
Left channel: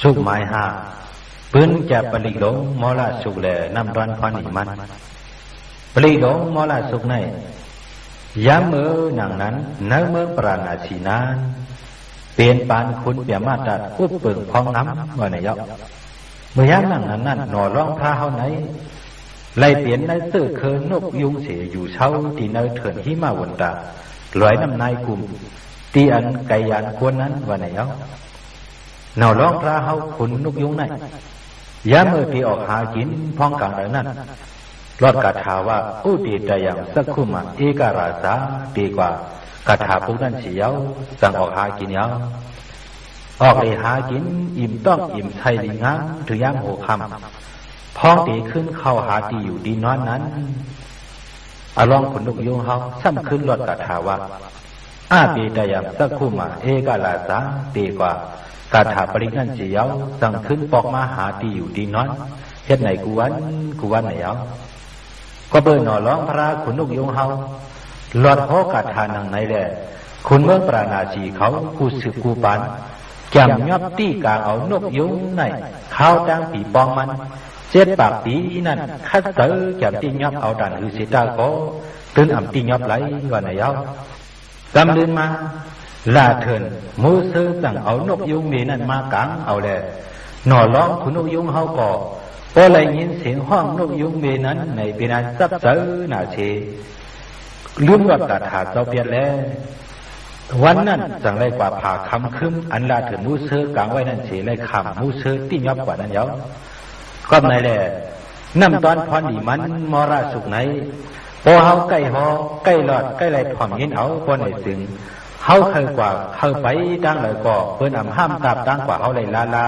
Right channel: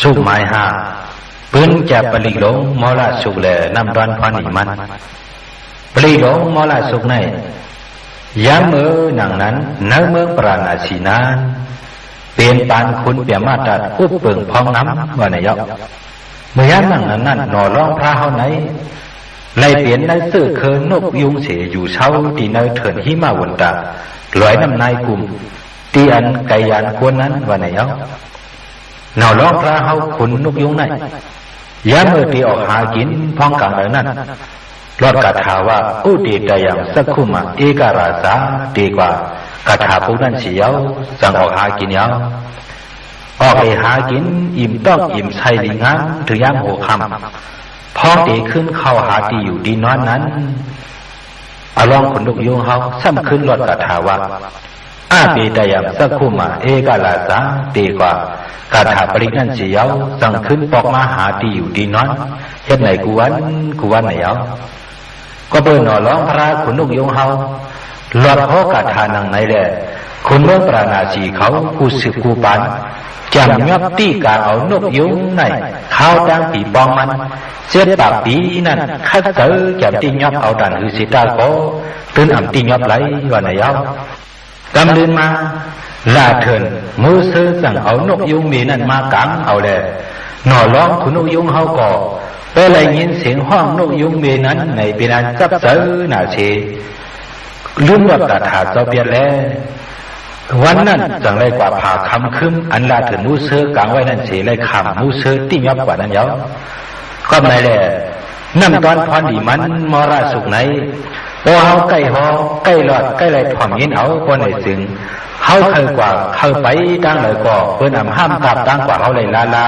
สุหมายห้าปืนจะปลิลงมอละสุกแลนำดอนพานิมันปลีหลงมอละสุกในยามมือหนังนั้นเนื้อเมืองปราณาสีนานเปลี่ยนปานคุณเปียมาตัดอุบเปิงพองน้ำว่าในยกเมื่อยามหนังนั้นหน่อร้องพระเฮาไหนไล่เปลี่ยนในเสื้อเคินนกยุงเสยอยู่เช้าตีเนยเถินหิมาวนตาลอยน้ำนายกลุ่มตีอันไกยานควรนั้นว่าในยกหน่อร้องพระเฮาขุนนกยุงไหนยามมือตีออกหากินพองกลางเลยนั้นรอดกถาว่าอุติตยังสักขุมาเอกราสาดีกว่ากถาผู้นั้นเสียวสั่งออกหากินยาวออกไปหากินอิ่มต้องอิ่มใส่ลิงงามถึงยามโหคำพอตีขึ้นเข้าหาตีอยู่ดีนอนนั้นอารองขนลุกยุงเขาซ้ำขึ้นรอดกถาว่าอาปิตยังสักขุมาเอกราสาดีกว่ากถาปรินั้นเสียวสั่งขึ้นปอกมาหาตีอยู่ดีนอนเฮ็ดไหนกูวันไหนเอาก็เบิ่งหน่อร้องพระขุนนกยงเฮาหลอดเขากาทานังไหนแหละคุณเมืองปราณาสีเขาผู้สืบกูปานจำยอบตีกาเอานกยงไหนข้าวดังปีปองมันเจ็ดปากปีนั่นคัดเจอจำตียอบเอาดันหือสิตาโกตื่นอ่ำตียอบไหลว่าไหนเอากำเดินมาลาเถินมือซื้อสั่งเอานกยงมีนั่นมากังเอาแหละหน่อร้องขุนนกยงเฮาก่อไปเลยยินเสียงห้องนกยุงเมนั้นในปีนั้นจับเสือหนาเชลืมว่ากระถาเจ้าเปียแล้ววันนั้นจังไรกว่าผ่าคำคืมอันลาถึงมูเสือกลางไว้นั่นเฉยไรคำมูเสือติ้งยับกว่านั้นเยอะก็ไม่แหละนั่นตอนพรดีมันมอราสุกไหนโอเฮาใกล้หอใกล้หลอดใกล้ไรถ่อมยินเอาคนไหนซึ่งเฮาเคยกว่าเคยไปตั้งเลยก่อเพิ่นอำห้ามกลับตั้งกว่าเฮาเลยลา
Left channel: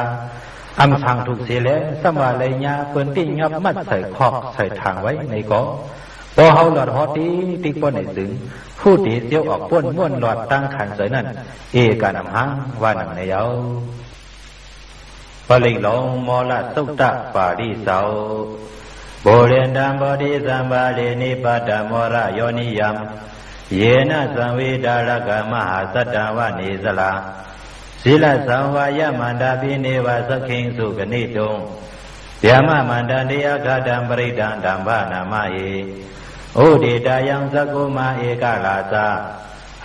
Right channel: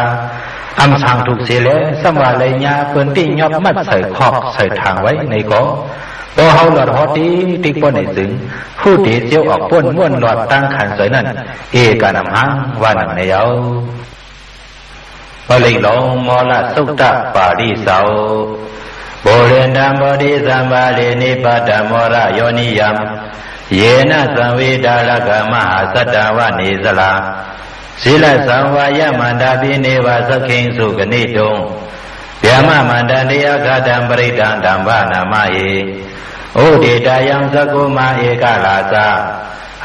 อำสั่งถูกเสียแล้วสมว่าเลยญาเปิ้นติ้งยอบมัดใส่คอกใส่ทางไว้ในก่อพอเฮาหลอดฮอตีติ๊กป้นในถึงผู้ตีเจียวออกป้นม้วนหลอดตั้งขันสวยนั่นเอกานำหางว่านังในเยาปลิลงมอละสุตตะปาริเสาโบเรนดัมบดิสัมบาเลนิปัตตมรโยนิยมเยนะสังวิดาลกมหาสัตตวะนิสลาศีลสังวายมันดาปิเนวะสขิงสุกนิตุงเปียมมันดันเดียกตัมปริตังธัมภานามาเยอุดิตายังสกุมาเอกลาสา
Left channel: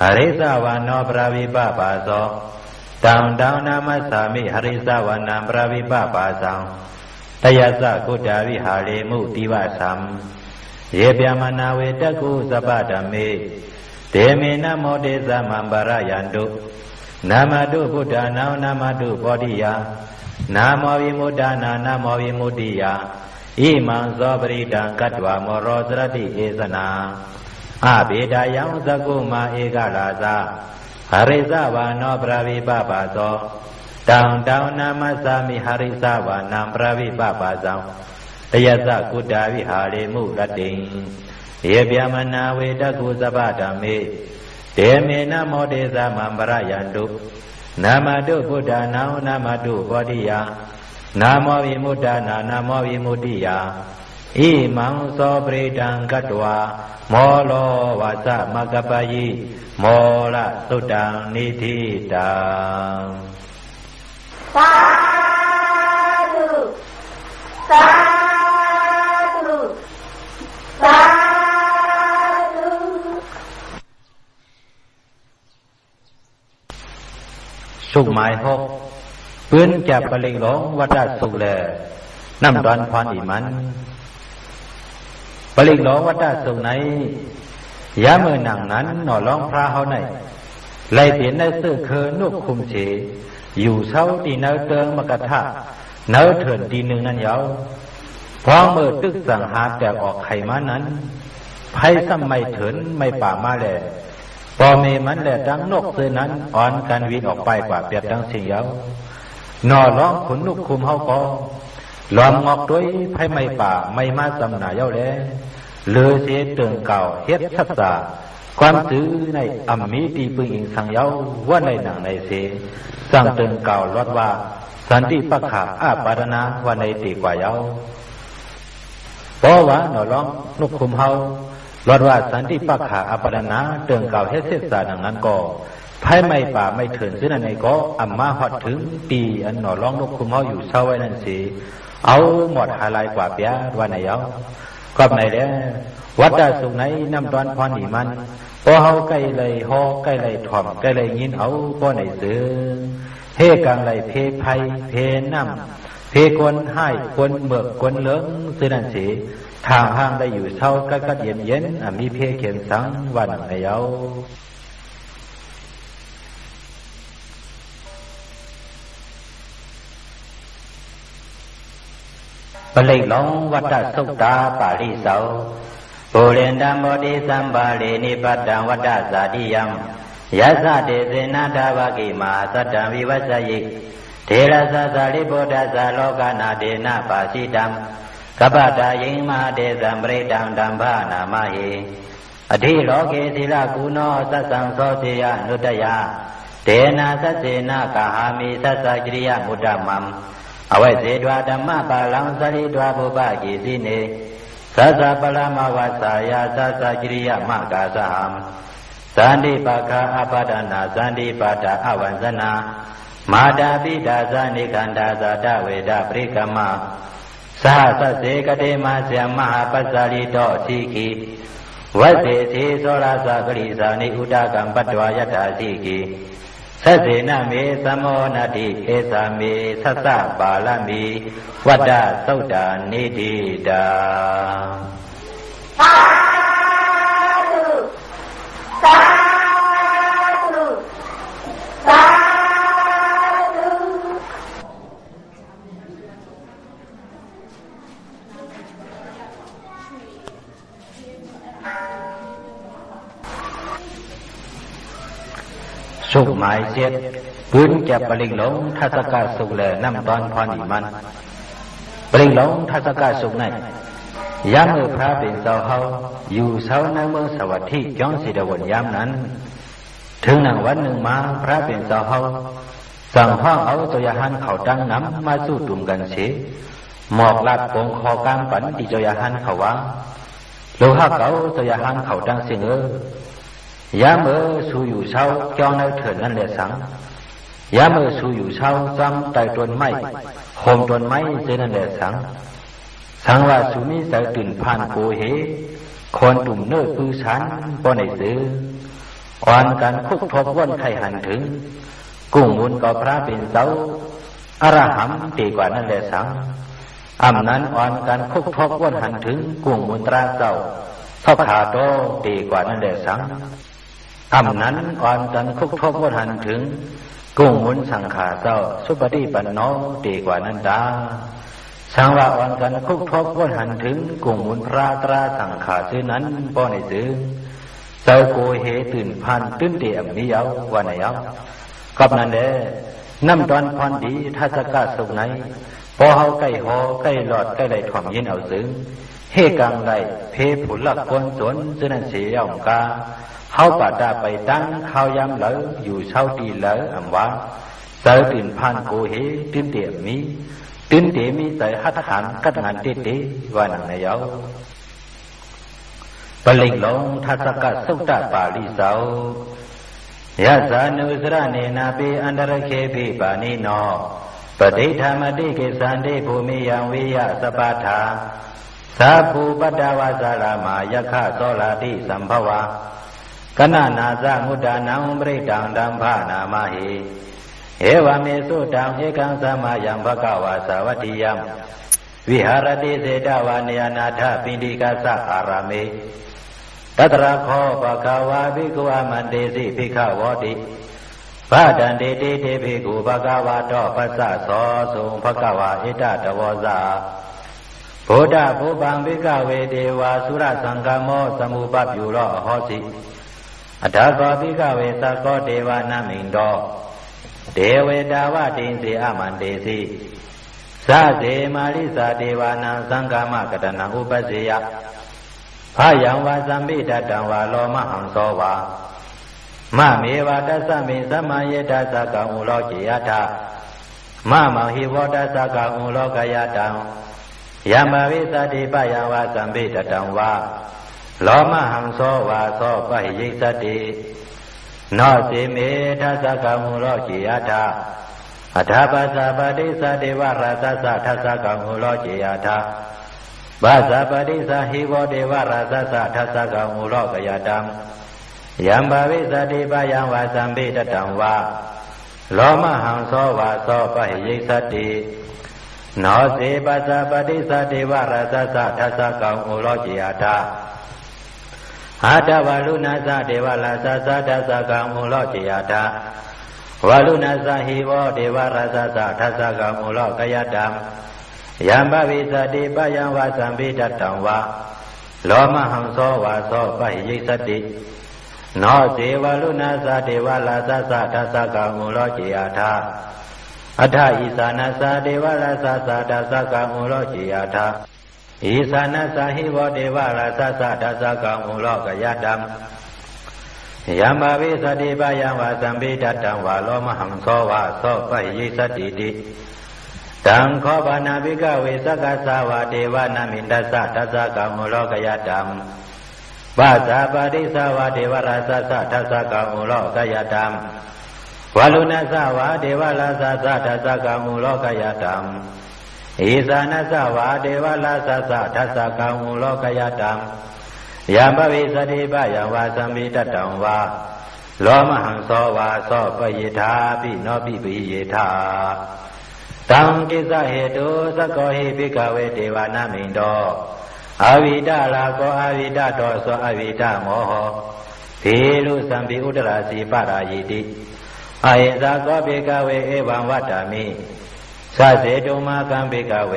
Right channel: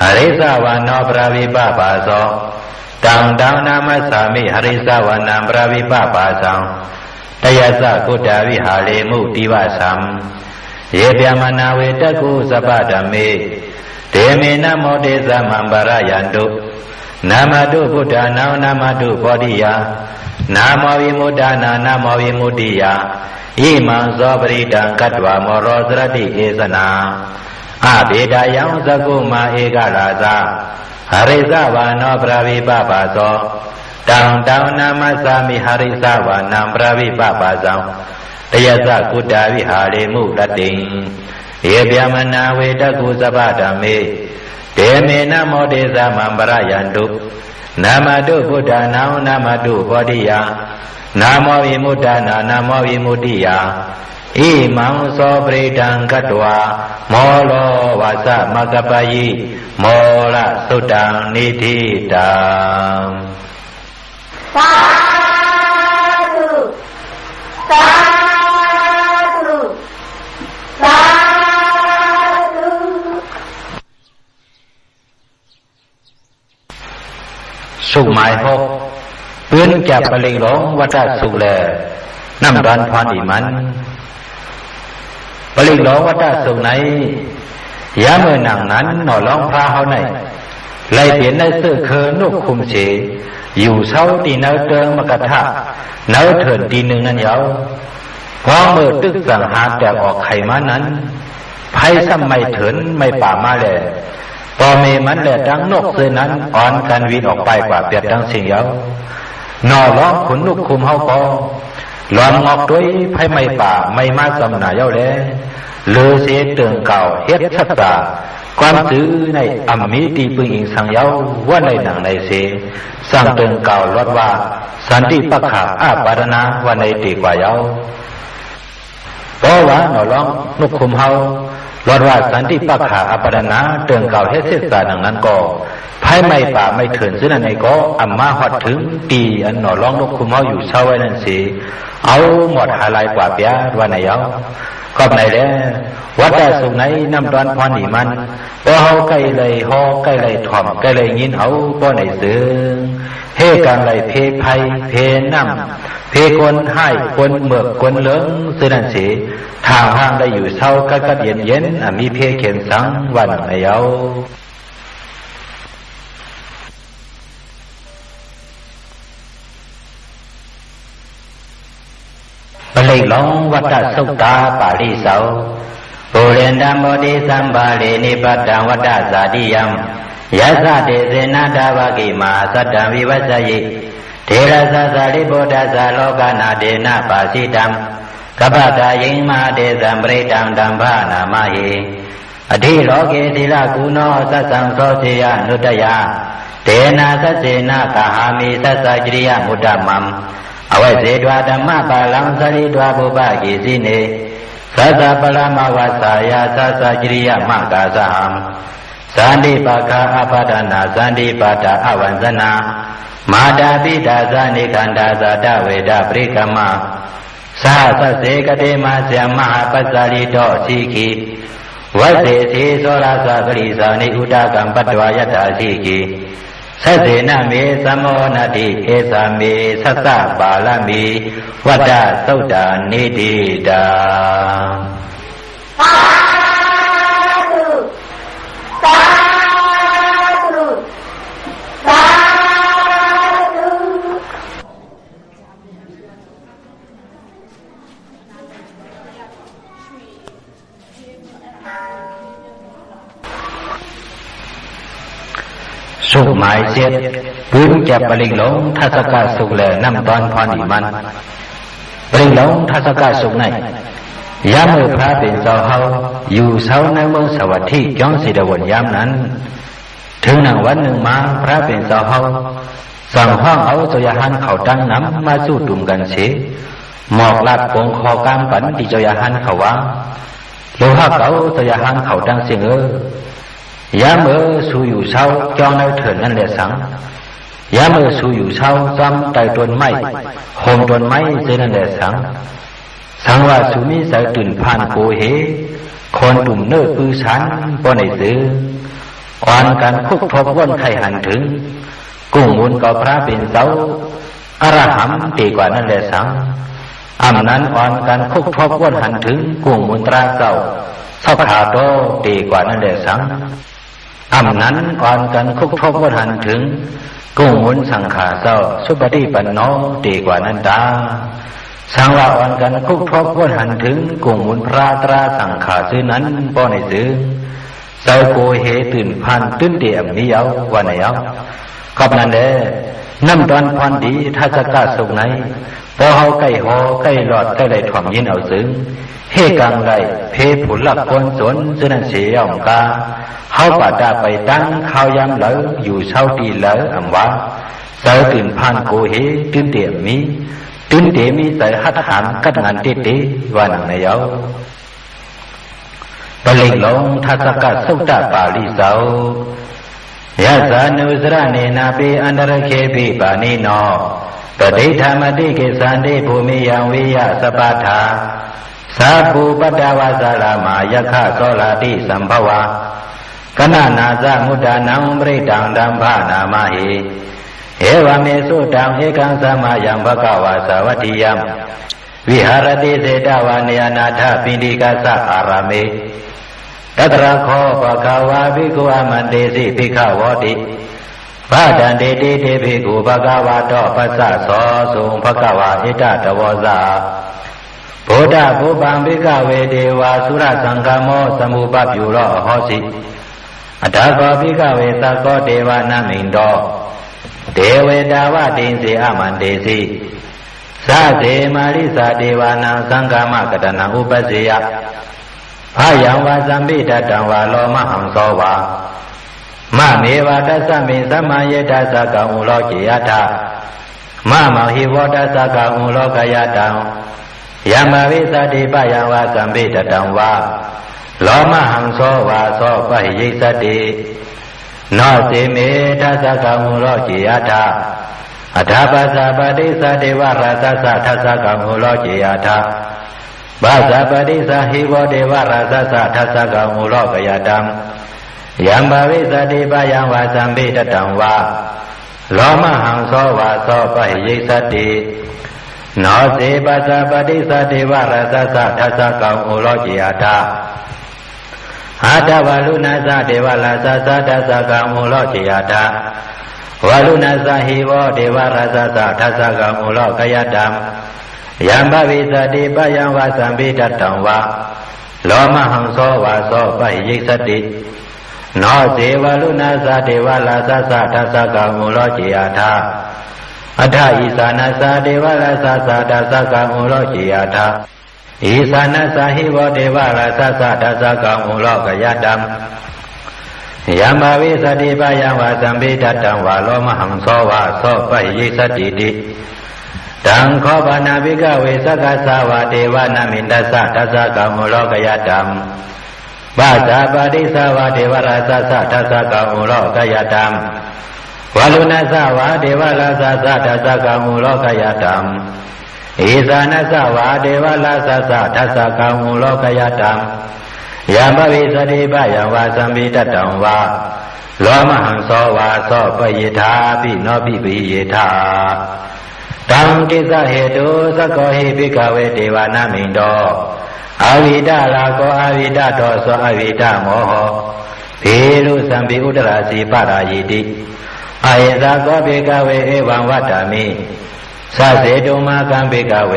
หริสาวานโนปราวิปปาโสตังตังนามัสสามิหริสาวานังปราวิปปาสังตยัสสะกุฏาวิหาเลมุติวะสัมเยเปียมนาเวตกุสัพพะธัมเมเตเมนะโมเตสะมัมปะระยันตุนามาตุพุทธานามาตุโพธิยานาโมวิมุตตานานาโมวิมุตติยา อิมังโสปริดังกัตวามโรสรติเอสนาอาเบดายังสกุมาเอกราซาหริสาวานปราวิปปาโสตังตังนามัสสามิหริสาวานังปราวิปปาสังตยสกุฏาวิหาริมุตติเอเปียมนาเวตกุสปะธรรมิเตเมนะโมเดสะมัมปรยันตุนามาตุพุทธานังนามาตุโพธิยานาโมวิมุตตานานาโมวิมุตติยาอิมังโสปริดังกัตวาโมโลวาสะมะกปะยิโมละสุตังนิธิตังสาธุสาธุสาธุ สุหมายหกปืนจับปลิงหลงวัดสุแลน้ำดันพรอีมันปลิงหลงวัดสุไหนยามเมื่อนังนั้นหน่อร้องพระเขาไหนไล่เปลี่ยนในเสื้อเคอนุกคุมเฉอยู่เช้าตีเนื้อเติงมกระทะเนื้อเถินตีหนึ่งนั้นยาวพอเมื่อตึกสังหาแตกออกไข่มานั้นไพ่ซ้ำไม่เถินไม่ป่ามาแหล่พอเมมันแหละดังนกเสือนั้นอ่อนกันวินออกไปกว่าเปียดดังสิ่งยาวหน่อร้องขุนนุกคุมเฮาก็หลอมงอกด้วยไพ่ไม่ป่าไม่มาสำหนาเย้าแลเลือเสียเตืองเก่าเฮ็ดชัดตาความซื้อในอัมมีตีปึงอิงสังเย้าว่าในหนังในเสสร้างเตืองเก่าลดว่าสันติปักขาอาปารณาว่าในตีกว่าเย้าเพราะว่าหน่อร้องนุกคุมเฮาลดว่าสันติปักขาอาปารณาเตืองเก่าเฮ็ดเสียสาดังนั้นก็ไพ่ไม่ป่าไม่เถินซึ่งนั่นไอ้ก็อัมมาฮอดถึงตีอันหน่อร้องนุกคุมเฮาอยู่เช้าไว้นั่นสิเอาหมดหาลายกว่าเปียว่าในเย้าก็ไหนแล้ววัดสุไหนน้ำดอนพรนี่มันพอเฮาใกล้เลยฮอใกล้เลยถ่อมใกล้เลยยินเฮาบ่ไหนซึ้งเฮกันเลยเพไผเพน้ำเพคนให้คนเมือกคนเหลืองซึ่งนั่นสิทางห้างได้อยู่เช้ากัดเย็นมีเพเขียนสังวันในเย้าปลิหลงวัฏสุตาปาริเสาปุเรนดามโมติสัมบาเลนิปัตตังวัฏสาติยัมยัสสะเตเสนาดาวกิมาสัตตังวิวัสยิเทระสะสาลิโพธัสสะโลกานาเดนะปาสิตังกัปปตายิงมาเตสัมปริตังดัมภานามาหิอธิโลเกศิลากุโนสัสสังโสเทยานุตยาเตนะสัสเสนะกหามิสัสสะจริยมุตตมัมอวัยเสดวาธรรมปาลังสริดวาบุปกิสิเนสัสสะปรามวัสสายาสัสสะจริยมกาสหัมสันติปะคาอปาดานาสันติปะตาอวันสนามาดาปิดาสานิคันดาสาดเวดาปริกรรมะสาสเสกเตมาเสมหาปัสสาริโตสีขีวัสเสธีโสราสกริสานิอุดากัมปัตวายตาสีขีสัสเสนะเมสัมโมนาติเอสามิสัสสะบาลามิวัฏสุตานิติตาสาธุสาธุสาธุ สุหมายเสียดปืนจับปลิงหลงทัศกาสุกแลน้ำตอนพรอีมันปลิงหลงทัศกาสุกในยามเมื่อพระเป็นเสาเฮาอยู่เสาในเมืองสวัสดิ์จ้องสิดวนยามนั้นถึงหนังวันหนึ่งมาพระเป็นเสาเฮาสั่งห้องเอาเจ้าหันเขาตั้งน้ำมาสู้ตุ่มกันเสียหมอกลัดปงคอกามปันที่เจ้าหันเขาว่าโลหะเก่าเจ้าหันเขาตั้งเสียงยามเมื่อสู้อยู่เช้าจ้องในเถิดนั่นแหละสังยามเมื่อสู้อยู่เช้าซ้ำไต่ต้นไม้โคมต้นไม้เจนั่นแหละสังว่าสุมิสายตื่นผ่านโกเหคนตุ่มเนื้อปื้อฉันป้อนไอซื้ออ่อนกันคุกทบว่นไข่หันถึงกุ้งมุนก็พระเป็นเสาอรหัมตีกว่านั่นแหละสังอำนั้นอ่อนกันคุกทบว่นหันถึงกุ้งมุนตราเก่าเศร้าขาโตตีกว่านั่นแหละสังอำนั้นอ่อนกันคุกทบว่นหันถึงกุ้งมุนสังขาเศร้าสุปฏิปันโนตีกว่านั้นตา สังวาอ่อนกันคุกทบวนหันถึงกลุ่มมุนพระตราสังขาซื้อนั้นป้อในซื้อเจ้าโกเหตื่นพันตื่นเดี่ยมนิยาววันไหนเอากับนั้นเด้น้ำตอนพรดีถ้าจะกล้าสุกไหนพอเฮาใกล้หอใกล้หลอดใกล้ไหลถ่อมยินเอาซึ้งเฮกังไหลเพผุนหลักคนสวนซึ่งนั้นเสียองกาเฮาป่าดาไปตั้งข้าวยำเหลออยู่เช้าตีเหลออำว่าเจ้าตื่นพันโกเหตื่นเดี่ยมมีตื่นเดี่ยมีใส่หัดหันกัดงานเตะวันไหนเอาปลิกลงทัศกะสุตตะปาลิเสายะสานุสระเนนาปิอันตรเคปิปานิโนตติธรรมติเกสันติภูมิยังวิยะสปาทาสาภูปตาวาสารามายะคะโสลาติสัมภวะกนะนาสะมุตตานังปริตังดัมภานามาหิเอวเมสุตังเอกังสมายังภกวาสาวัตถิยัมวิหารติเสตวาเนยนาถปิณิกาสะอารามเมตัตระโคปะกวาภิกขุอมันเตสิภิกขวติพระดันเตติเตภิกขุภกวาโตปัสสะโสสุงภกวาอิตตวสาโพธาภูปังภิกขเวเทวาสุรสังฆโมสมุปปิโรโหสิอัตถโกภิกขเวสักโกเทวานามินโตเทเวดาวะตินสีอมันเตสิสาเสมาริสาเทวานังสังฆมกตนังอุปเสยอายังวาสัมปิตตังวาโลมหังโสวามะเมวะตัสสะมิสัมมาเยตัสสะกังอุโลจิยถามะมหิวตัสสะกังอุโลกยตังยามวิสติปะยังวาสัมปิตตังวาโลมหังโสวาโสปะหิยิสติโนติเมตัสสะกังอุโลจิยถาอัฏฐปัสสะปฏิสัตติวะราสสะทัสสะกังอุโลจิยถาบาสะปฏิสาหิโวเดวราสสะทัสสะกังอุโลกยตังยัมบวิสติปะยังวาสัมปิตตังวาโลมหังโสวาโสปะหิยิสติโนเสปัสสะปฏิสัตติวราสสะทัสสะกังอุโลจิยถาอาตวาลุนาสะเทวราสสะทัสสะกังอุโลจิยถาวาลุนาสะหิโวเดวราสสะทัสสะกังอุโลกยตังยัมบวิสติปะยังวาสัมปิตตังวาโลมหังโสวาโสปะหิยิสติโนเสวาลุนาสะเทวราสสะทัสสะกังอุโลจิยถาอัฏฐอิสานัสสะเทวราสสะทัสสะกังอุโลจิยถาอิสานัสสะหิโวเทวราสสะทัสสะกังอุโลกยตังยัมบวิสติปะยังวาสัมปิตตังวาโลมหังโสวาโสปะหิยิสติติตังโคปนาภิกขเวสักขสาวะเทวานามินทัสสะทัสสะกังอุโลกยตังบาสะปฏิสาวะเทวราสสะทัสสะกังอุโลกยตังวาลุนัสสะวะเทวราสสะทัสสะกังอุโลกยตังอิสานัสสะวะเทวราสสะทัสสะกังอุโลกยตังยัมบวิสติปะยังวาสัมปิตตังวาโลมหังโสวาโสปะยิธาปิโนปิปิยิธาตังติสะเหตุสะโกหิภิกขเวเทวานามินโตอวิดาลาโกอวิดาโตสออวิดาโมโหภิลุสัมภิอุตราสีปารายิติอายิสะโกภิกขเวเอวังวัตตามิสะเสตุมากัมภิกขเว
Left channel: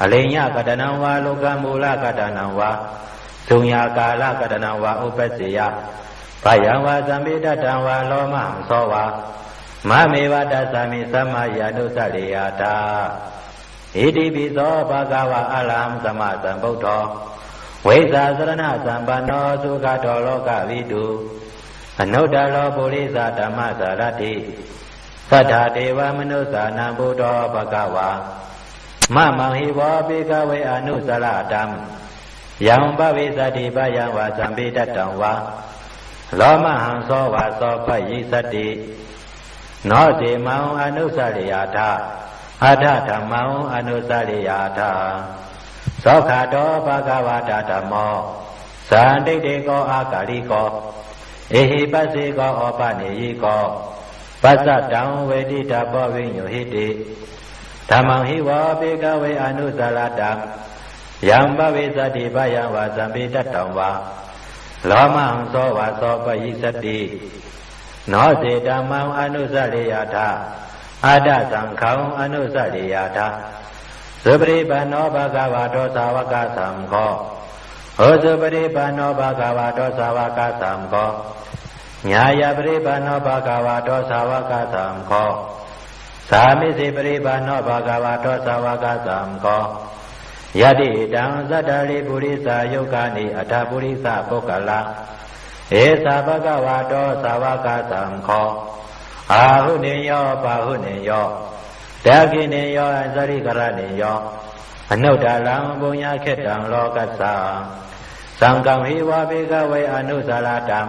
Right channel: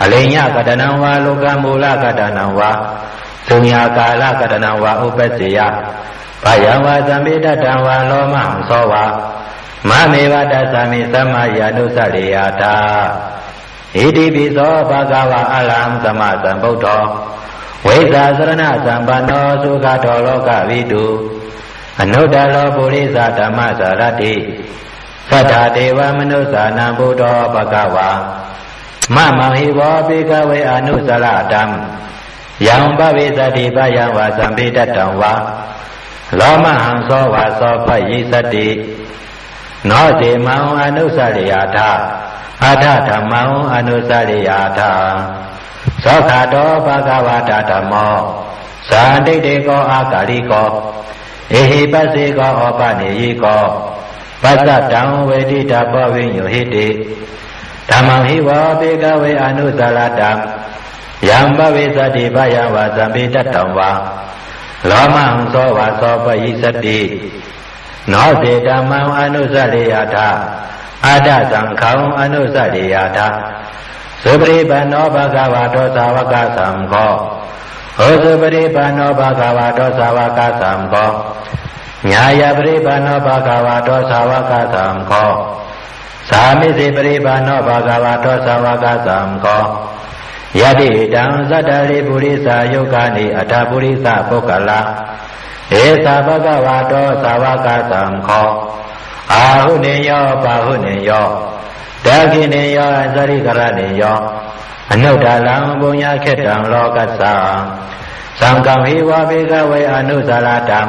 อลิญญกตนังวาโลกมูลกตนังวาสุญญากาลกตนังวาอุปสสิยะพยังวาสัมปิตตังวาโลมหังโสวามะเมวะตัสสะมิสัมมาญาณุสริยถาอิติปิโสภะคะวะอะระหังสัมมาสัมพุทโธเวสาสรณะสัมปันโนสุขโตโลกวิทูอนุตตโรปุริสธรรมสารติสัทธาเทวมนุสสานังพุทโธภะคะวามะมหิวะภิกขเวอนุสรตัมยังบวิสติปะยังวาสัมปิตตังวาโลมหังโสวาโสปะยิสติโนเสมังอนุสริยถาอัฏฐธัมมังอนุสริยถาโสขโตภะคะวะตะธัมโมสันติเตโกอากาลิโกเอหิปัสสิโกอปะเนยิโกปัสสะตังเวทิตาภวิญโยหิติธัมมังหิวะภิกขเวอนุสรตัมยัมบวิสติปะยังวาสัมปิตตังวาโลมหังโสวาโสปะยิสติโนเสธัมมังอนุสริยถาอัฏฐสังฆังอนุสริยถาโส สุปริปันโนภะคะวะโตสาวกสังโฆโอสุปริปันโนภะคะวะโตสาวกสังโฆญาญาปริปันโนภะคะวะโตสาวกสังโฆสามิสิปริปันโนภะคะวะโตสาวกสังโฆยะติตังสัตตริปุริสายุกานิอัตถปุริสปุกขละเอสะภะคะวะโตสาวกสังโฆอาหุเนโยปะหุเนโยดากิเนโยอสริกรเนโยอนุตตลังปุญญเขตังโลกัสสะสังฆังหิวะภิกขเวอนุสารตัง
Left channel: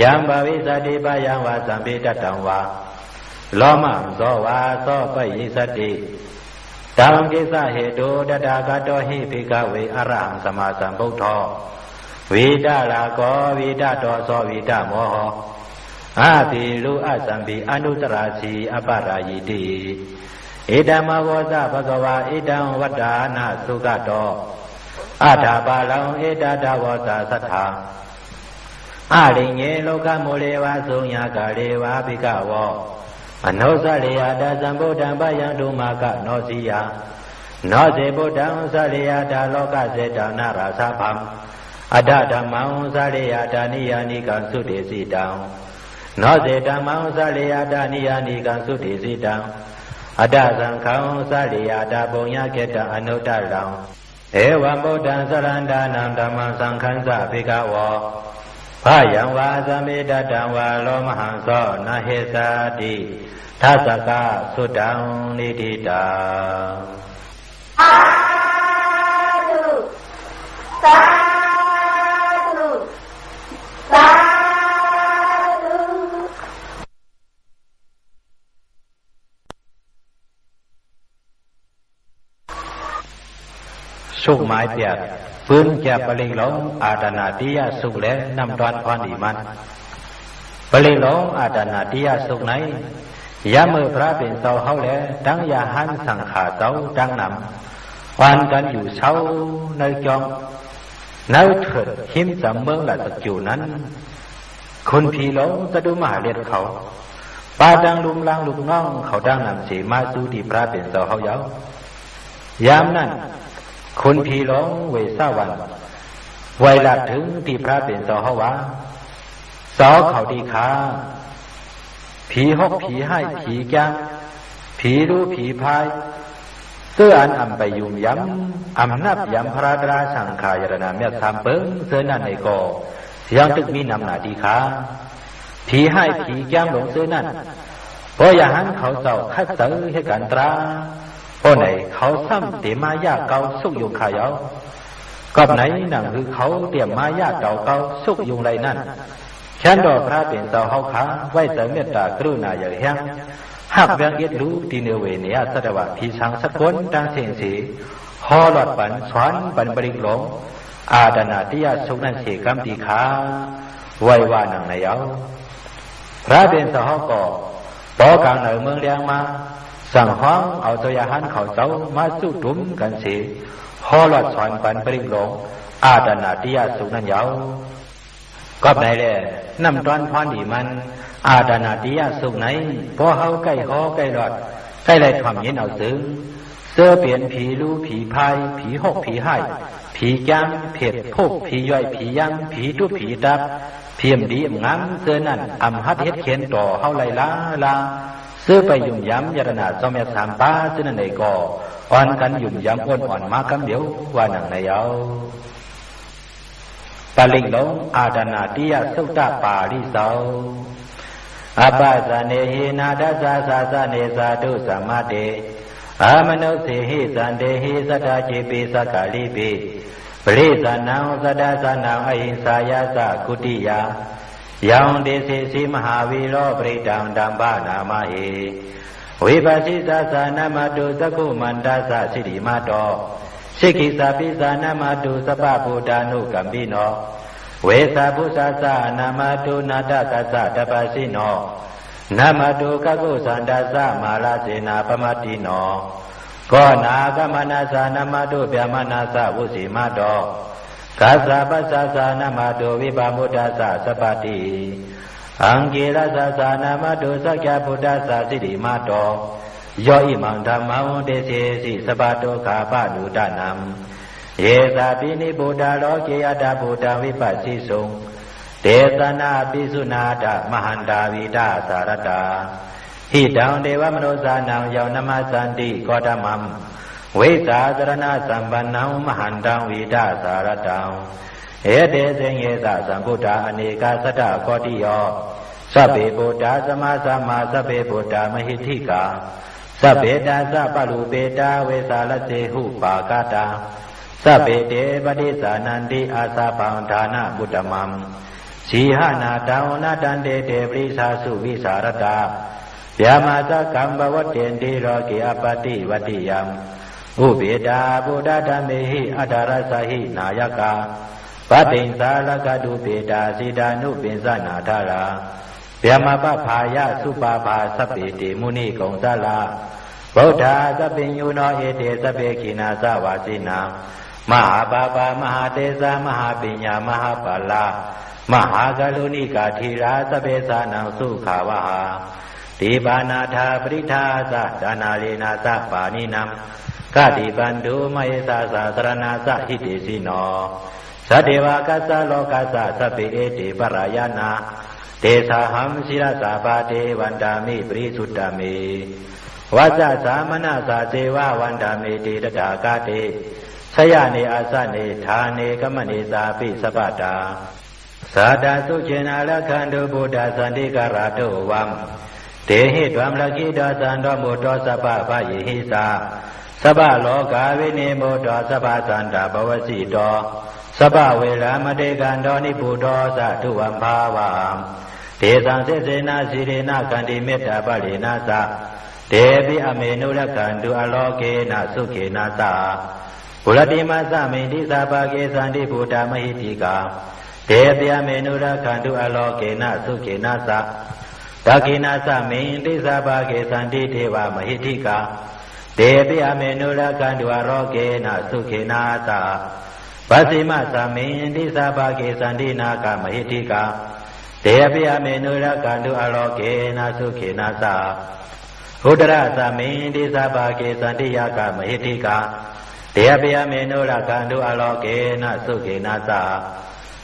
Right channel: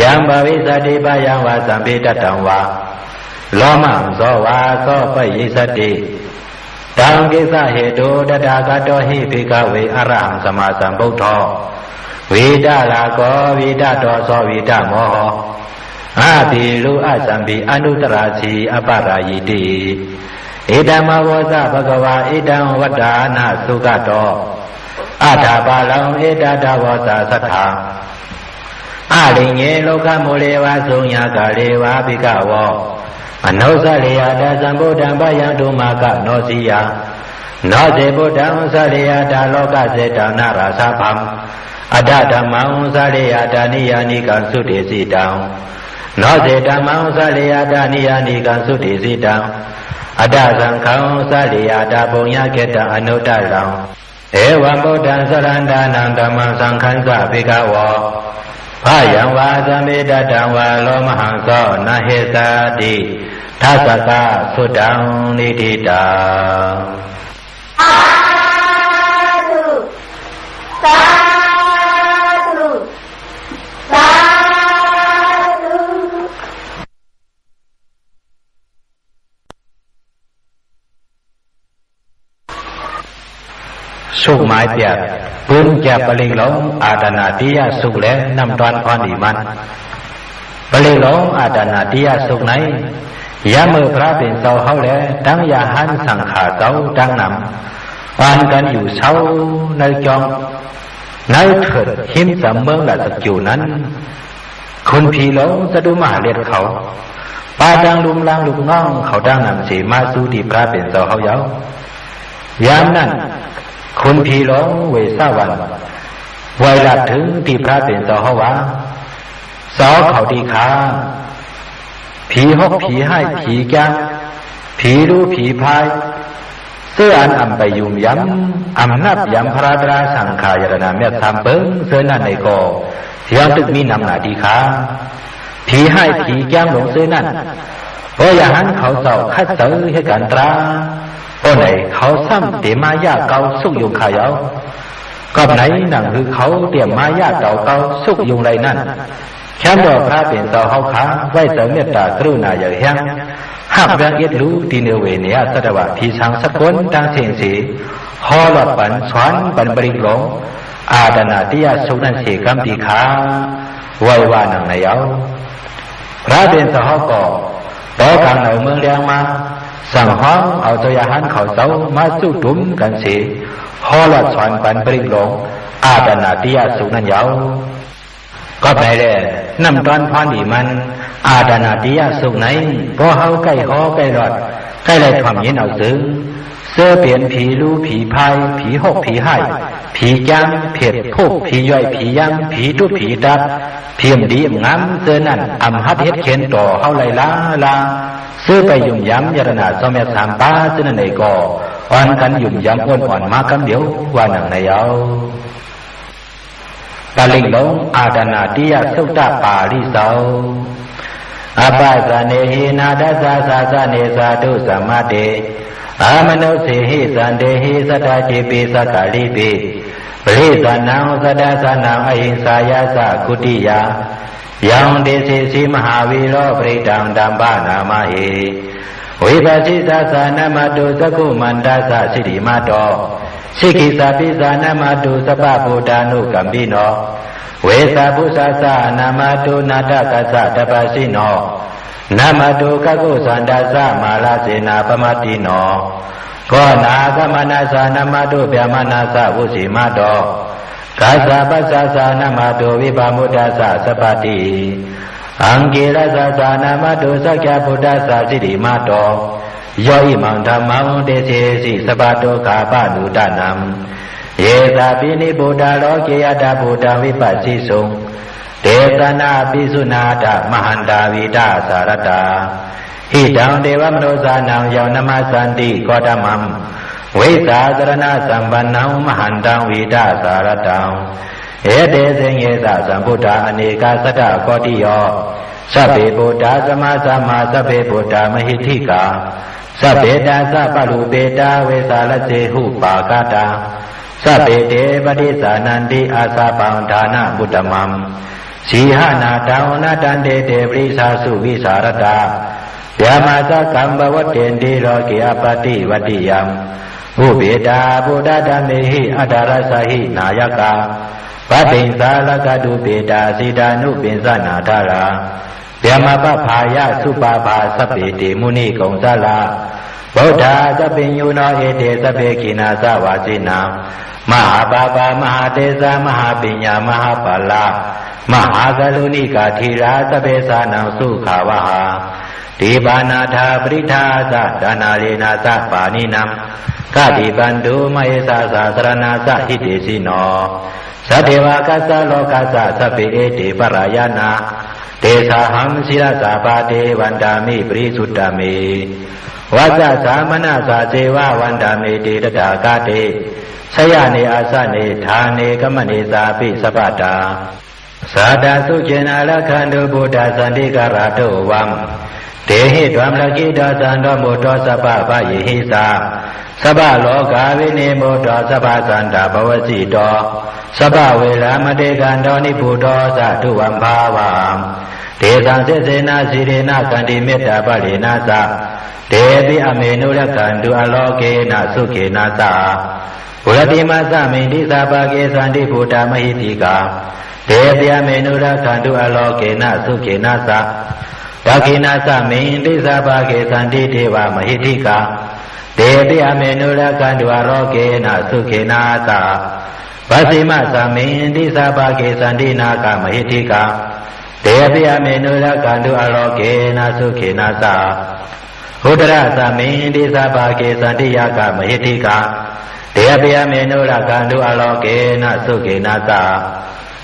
ยังภวิสติปะยังวะสัมภิตตังวะโลมังโสวาโสปยิสติตังกิสะเหตุตถาคตหิภิกขเวอรหังสัมมาสัมพุทโธวิดาลาโกวิดาโตโสวิดาโมโหอาติลุอสัมภิอนุตตราสีอปรายิติอิดัมมวสะภะคะวะอิดังวัฏฐานะสุขโตอัฏฐปาลังอิดาดาวสะสัทธาอาลิเงโลกโมเลวะสุญญากาเลวะภิกขวะอนุสะเลยตสัมพุทธังปะยังตุมากะโนสิยาโนเสพุทธังสะเลยตโลกเสตนาราสะพัมอัฏฐธัมมังสะเลยตนิยานิกังสุติสิตังโนเสธัมมังสะเลยตนิยานิกังสุติสิตังอัฏฐสังฆังสะเลยตปุญญเขตังอนุตตลังเอวะพุทธังสรณดานังธัมมังสังฆังสะภิกขวะพายังวาสัมมิตตังวะโลมหังโสนะเหสติทัสสะสุตังนิทิตังอาธุสาธุสาธุ สุขหมายเปียกปืนแจบปริงหลงอาตนาติยาสุขและนำตอนพรอีมันปริงหลงอาตนาติยาสุขไหนยามือพระเป็นเสาเฮาและดังยาหันสังขาเสาดังนำวานกันอยู่เสาในจองในเถิดหิมสำเมืองละสักอยู่นั้นคนผีหลงจะดูมหาเลียดเขาปาดังลุมลางลูกน้องเขาดังนำสีมาสู่ที่พระเป็นเสาเฮาเยาวยามนั้นคุณผีหลงเวสาวันไวลัดถึงที่พระเป็นเสาเฮาวาสอเขาดีขาผีหกผีให้ผีแก้ผีรู้ผีพายเสื้ออันอำไปยุ่มย้ำอำนับย้ำพระดราสังขายรณาเมตสามเปิ้งเสื้อนั่นในกอยังตึกมีนำหนาดีขาผีให้ผีแก้มหลงเสื้อนั่นเพราะอย่างนั้นเขาเจ้าคัดเสือให้กันตราโอ้ไหนเขาซ้ำเตมายาเกาสุกยุงขายเอาก็ไหนนั่งคือเขาเตรียมมายาเก่าสุกยุงไรนั่นแค่ดอกพระเป็นเสาเฮาขาไว้เสริมเมตตากรุณาอย่างแห้งหักแรงเอ็ดรู้ตีเนเวเนียสตวะทีสังสกุลดังเสียงสีฮอลปันสวนปันบริกหลงอาดนาติยาสุนันเสกำตีขาไว้ว่านังในเอาพระเป็นเสาเฮาก่อต่อกลางในเมืองเลียงมาสั่งห้องเอาตัวยาหันเขาเสามาสู้ตุ้มกันสีฮอลสวนปันบริกหลงอาดนาติยาสุนันเยาก็ไปเลยนำตอนพรดีมันอาดานาติยาสุขไหนพอเฮาใกล้หอใกล้รอดใกล้เลยความยินเอาซึ้งเสื้อเปลี่ยนผีรู้ผีพายผีหกผีให้ผีจังเผ็ดพวกผีย่อยผียังผีทุผีดับเพียมดีงามเสื้อนั่นอำฮัดเฮ็ดเขียนต่อเฮาไล่ลาเสื้อไปยุ่มย้ำยรนาสมัยสามป้าเสื้อนั่นในก่ออ่อนกันยุ่มย้ำอ่อนมาคำเดียวว่าหนังในเอาปาลิงหลงอาดานาติยาสุตตะปาลิเสาอปาสเนหินาดัสสะสาสเนสาธุสัมมาเตอามโนสิหิสันเดหิสัตตจิปิสัตตลิปิปริสานังสัตตสานังอหิงสายาสะกุติยายังเดสิสีมหาวิโรปริตังดัมบานามาหิวิปัสสิสาสานามตุสกุมันดัสสะสิริมาโตสิกิสาปิสานามาตุสปะโพธานุกัมปิโนเวสาภุสาสานามาตุนาตกัสสะตปัสสิโนนามาตุกะกุสันดัสสะมาลาเสนาปมาติโนก็นากมนาสานามาตุเปียมานาสะวุสิมาโตกัสสะปัสสะสานามาตุวิปามุตตัสสะสปติอังกิรัสสะสานามาตุสักยะพุทธัสสะสิริมาโต ယောဣမံဓမ္မံတေစေစီသဗ္ဗတောကာပနုဒနံယေတာပိနိဗုဒ္ဓလောကေယတဗုဒ္ဓဝိပဿိစုံဒေသနာပိစုနာတမဟန္တာဝိဒာသရတဟိတံဒေဝမနောဇာနံယောနမသန္တိကောဓမံဝိဇာသရဏသံပန္နံမဟန္တံဝိဒာသရတံဧတေဇင်ယေသသံဗုဒ္ဓအနေကသတ္တကောတိယောသဗ္ဗေဗုဒ္ဓသမသမ္မာသဗ္ဗေဗုဒ္ဓမဟိဋ္ဌိကာသဗ္ဗေတာသပလုပေတာဝေသလစေဟုပါကတာသဗ္ဗေတေပတိသနန္တိအာသပံဒါနဗုဒ္ဓမံဇီဟနာတဝနတန္တေတေပရိသစုဝိสารတဗျာမသကံဘဝတ္တေတိရောကိအပတိဝတ္တိယံဘုဗေတာဗုဒ္ဓဓမ္မေဟိအတ္တရသဟိနာယကဗဗ္ဗိဉ္စာလကတုပေတာစေတာနုပိဉ္စနာထရာဗျာမပဖာယသုပါပါသဗ္ဗေတိမုနိကုံသလာဗုဒ္ဓသဗ္ဗညုနောဧတေသဗ္ဗေခိနာသဝါစိနာမဟာပါပါမဟာတေဇာမဟာပညာမဟာပါဠမဟာကလုဏိကာထေရာသဗ္ဗေသာနံသုခဝဟဒေဘာနာထာပရိထာသဒါနာရေနာသပါဏိနံကတိပန္တုမဟေသသာသရဏသဟိတေစီနောသတ္တေဝကသလောကသသဗ္ဗေဧတေပရယနာဒေသာဟံစိရသပါတေဝန္တာမိပရိသုတ္တမေဝဇ္ဇသမနသာဇေဝဝန္တာမေတေတတာကတေဆယနေအာသနေဌာနေကမနေသာပိသဗ္ဗတာသာတာသုចេနာလခန္တုဗုဒ္ဓသန္တိကရတောဝံဒေဟိဓမ္မလကိတောသံတော်မူတောသဗ္ဗဗယေဟိသာသဗ္ဗလောကဝိနေမောတောသဗ္ဗသန္တာဘဝစီတောသဗ္ဗဝေရမတေကံတောနိဗုတောသတုဝံဘာဝံဒေသံစေစေနာစီရေနကန္တိမေတ္တာပရိနာသဒေပိအမေနုရကန္တုအလောကေနသုခေနသဘုရတိမသမိန်တိသဗ္ဗကေသန္တိဗုဒ္ဓမဟိတိကာဒေပိအမေနုရကန္တုအလောကေနသုခေနသဒခိနာသမိန်တိသဗ္ဗကေသန္တိဒေဝမဟိတိကာဒေပိအမေနုရကန္တုအလောကေနသုခေနသဗသိမသမိန်တိသဗ္ဗကေသန္တိနာကမဟိတိကာဒေပိအမေနုရကန္တုအလောကေနသုခေနသဟုဒရသမိန်တိသဗ္ဗကေသန္တိယကမဟိတိကာဒေပိယမေနုရကန္တုအလောကေနသုခေနသ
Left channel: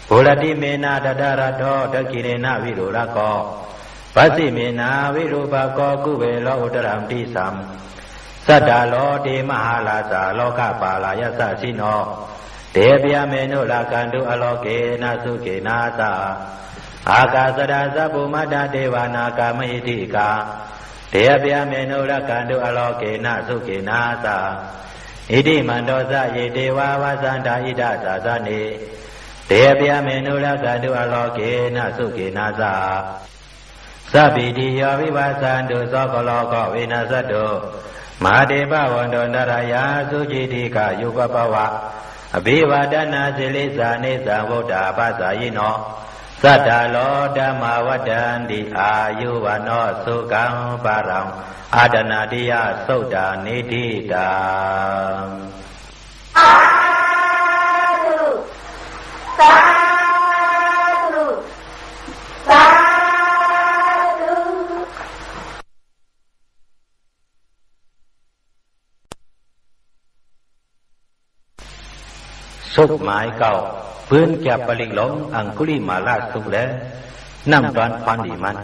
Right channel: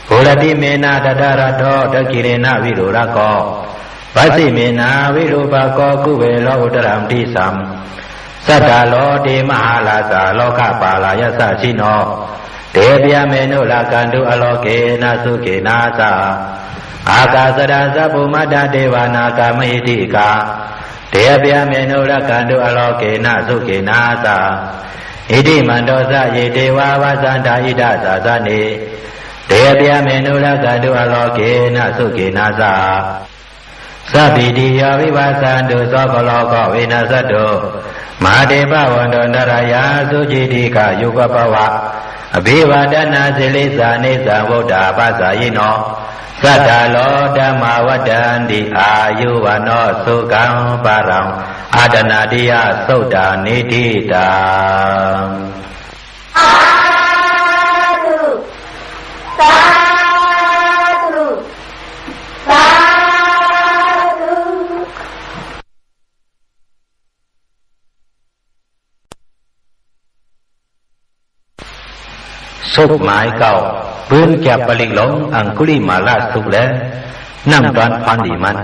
ဘုရတိမေနတတရတောတကိရေနဝိရုရကောဗသိမေနဝိရုပကောကုဝေလောဥတရံတိသံသတ္တလောတေမဟာလာသလောကပါလာယသရှိနောဒေပိယမေနုရကန္တုအလောကေနသုခေနသအာကာသရသဗ္ဗမတ္တဒေဝနာကမဟိတိကာဒေပိယမေနုရကန္တုအလောကေနသုခေနသဣတိမန္တောသယေတေဝဝသန္တာဣဒသာသနေဒေပိယမေနုရကန္တုအလောကေနသုခေနသသဗ္ဗိတိယဝိပါသန္တုသောကလောကဝိနသတ္တုမဟာတေပဝန္တောနရယသုจิတိကယုဂပဝအဘိဝဒနာစေလိသနေသဗုဒ္ဓပသယိနောသတ္တလောဓမ္မဝတ္တန္တိအာယုဝနောသုကံပါရံအာဒနာတိယသုတ်တာနေတိတာအာသုသာသုသာသု สุกหมายเก่าเบื้องแก็บปลิหลงอังคุลิมาลาสุกแล้วนั่งตอนพันดีมัน